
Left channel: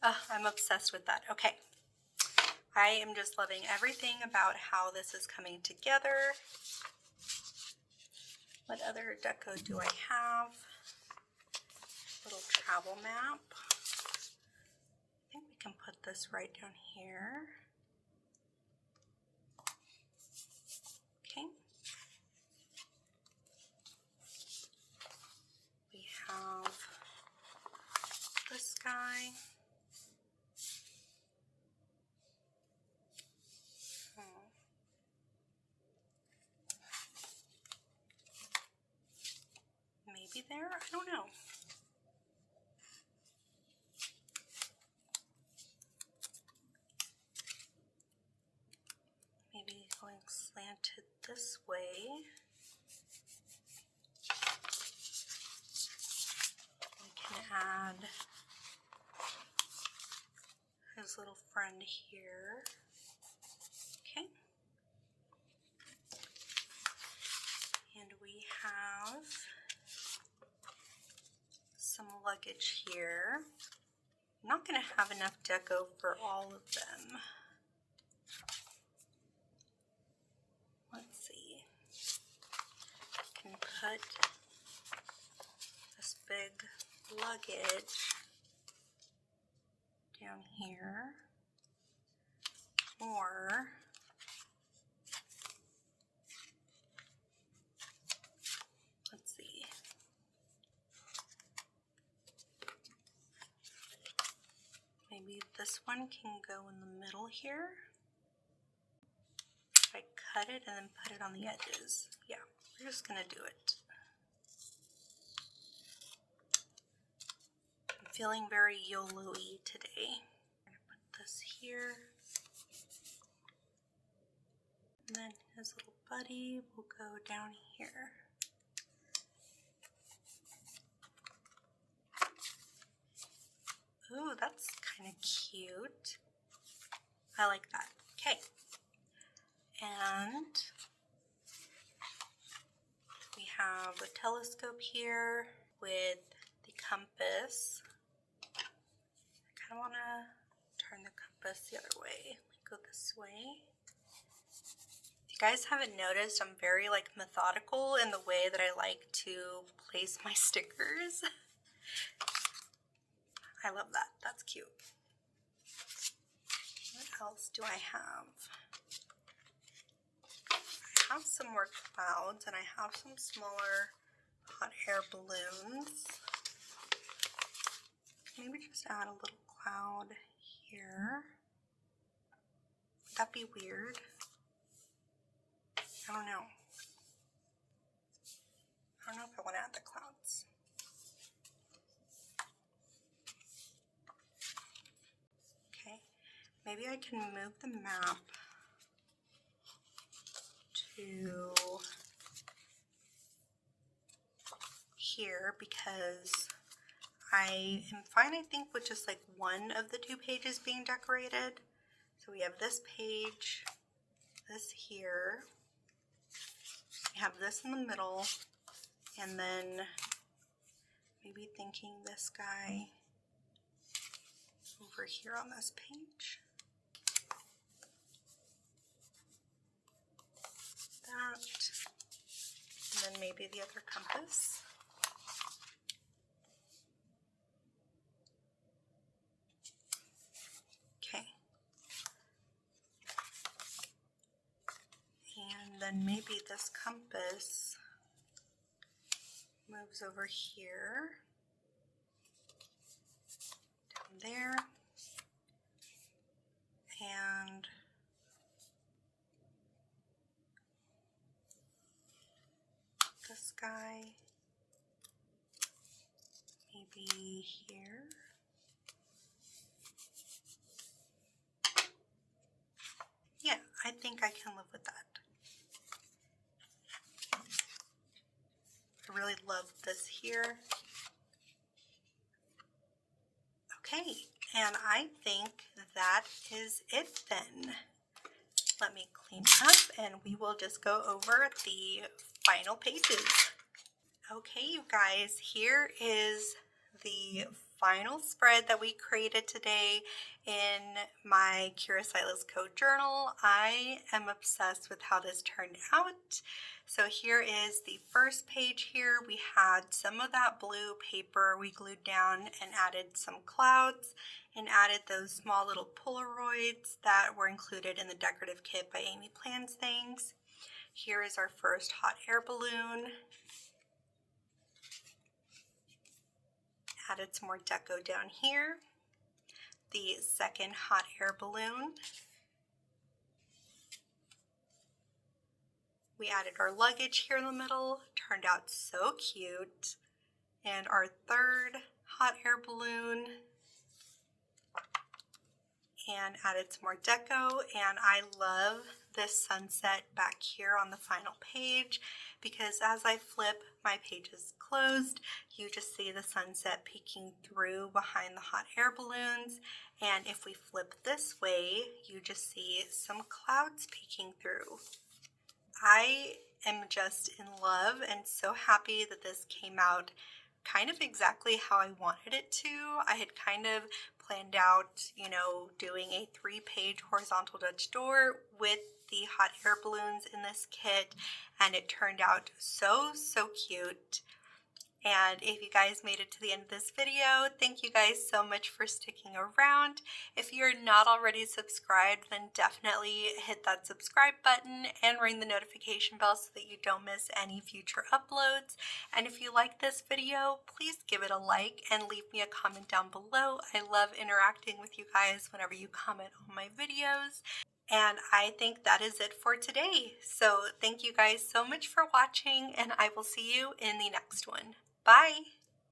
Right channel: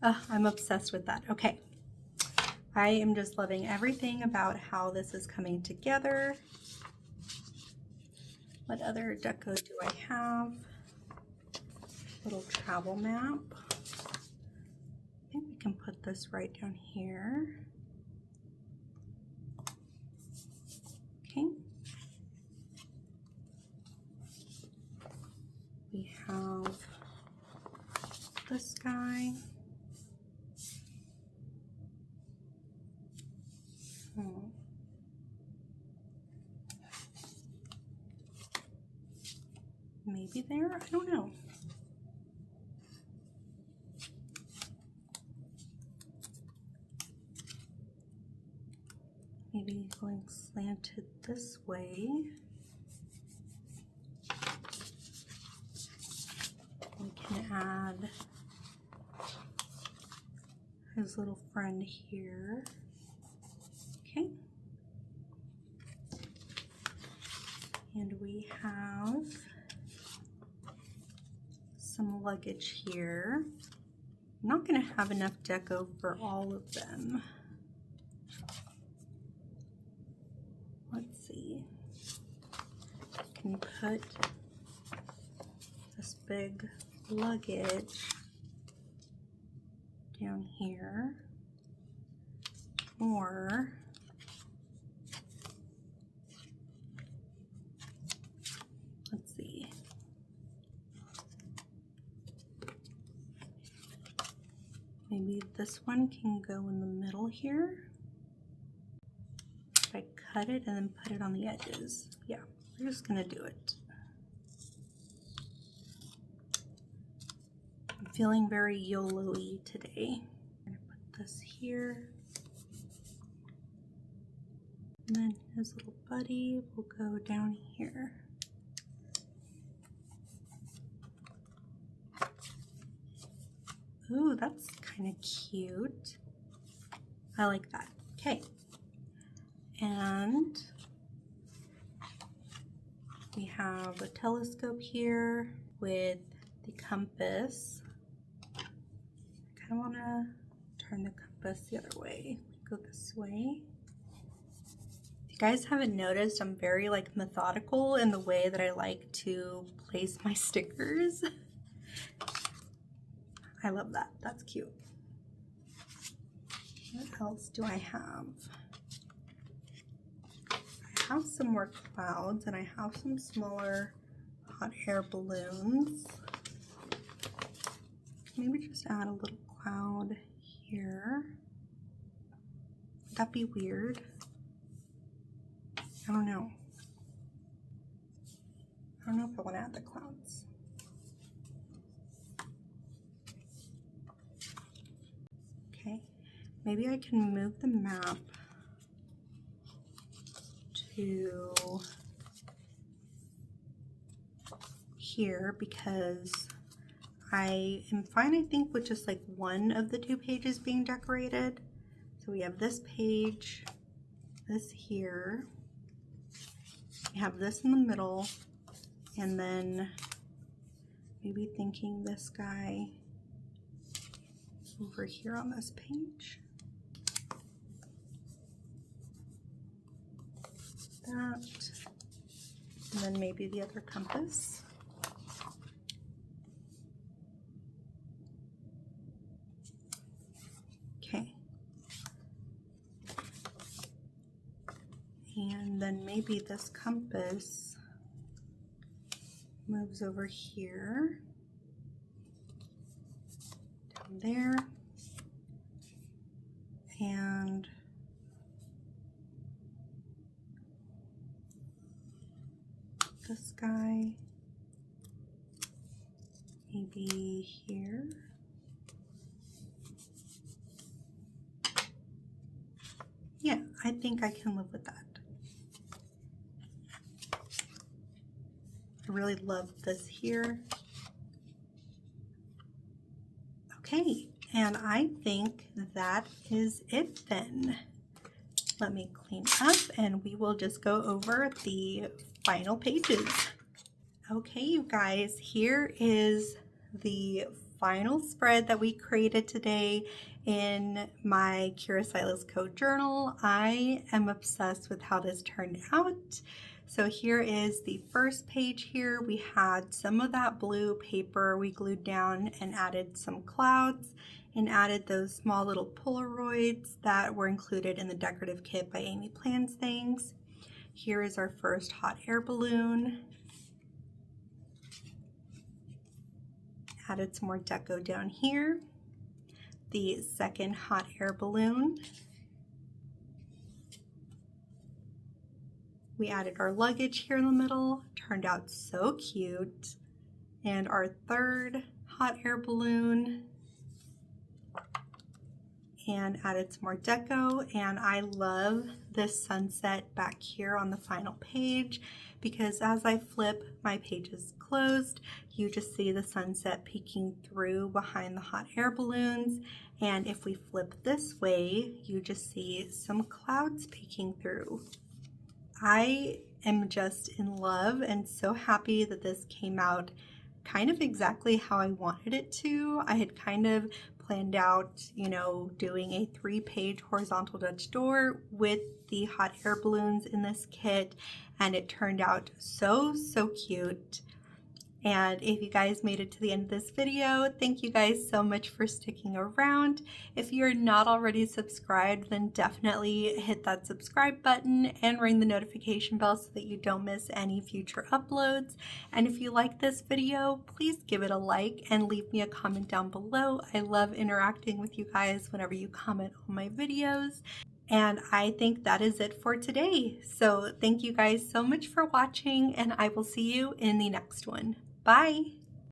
Oh, I'm obsessed with that. Okay. I am just loving everything about how this is coming together. What other deco do I have? Little travel map. I think we can put this right down here. Okay. We have this guy. Maybe there, I don't know. Maybe going slanted this way. We can add his little friend here. Okay. And we have some luggage here. I'm not going to have enough deco for all of them. Let's see. I can put this big luggage down here, or let's see, Maybe this one can go in the middle here. If I cut it and then put it on the edges. Yeah, we're just gonna do it. I'm feeling very YOLO-y today. I'm gonna put this here. And then his little buddy will go down here. Ooh, that's kind of cute. I like that. Okay. And we have a telescope here with the compass. I kind of want to turn the compass the other way. Go this way. If you guys haven't noticed, I'm very like methodical in the way that I like to place my stickers. I love that. That's cute. What else do I have? I have some more clouds and I have some smaller hot air balloons. Maybe just add a little cloud here. Would that be weird? I don't know. I don't know if I want to add the clouds. Okay, maybe I can move the map to here because I am fine, I think, with just like one of the two pages being decorated. So we have this page, this here, we have this in the middle, and then maybe thinking this guy over here on this page. That, and then maybe the other compass. Okay. And then maybe this compass moves over here, down there, and this guy maybe here. Yeah, I think I can live with that. I really love this here. Okay, and I think that is it then. Let me clean up and we will just go over the final pages. Okay, you guys, here is the final spread that we created today in my Silas Co journal. I am obsessed with how this turned out. So here is the first page here. We had some of that blue paper we glued down and added some clouds and added those small little Polaroids that were included in the decorative kit by Amy Plans Things. Here is our first hot air balloon. Added some more deco down here. The second hot air balloon. We added our luggage here in the middle. Turned out so cute. And our third hot air balloon. And added some more deco, and I love this sunset back here on the final page because as I flip my pages closed, you just see the sunset peeking through behind the hot air balloons, and if we flip this way, you just see some clouds peeking through. I am just in love and so happy that this came out kind of exactly how I wanted it to. I had kind of planned out, you know, doing a 3-page horizontal Dutch door with the hot air balloons in this kit, and it turned out so cute. And if you guys made it to the end of this video, thank you guys so much for sticking around. If you're not already subscribed, then definitely hit that subscribe button and ring the notification bell so that you don't miss any future uploads. And if you like this video, please give it a like and leave me a comment down below. I love interacting with you guys whenever you comment on my videos. And I think that is it for today. So thank you guys so much for watching, and I will see you in the next one. Bye!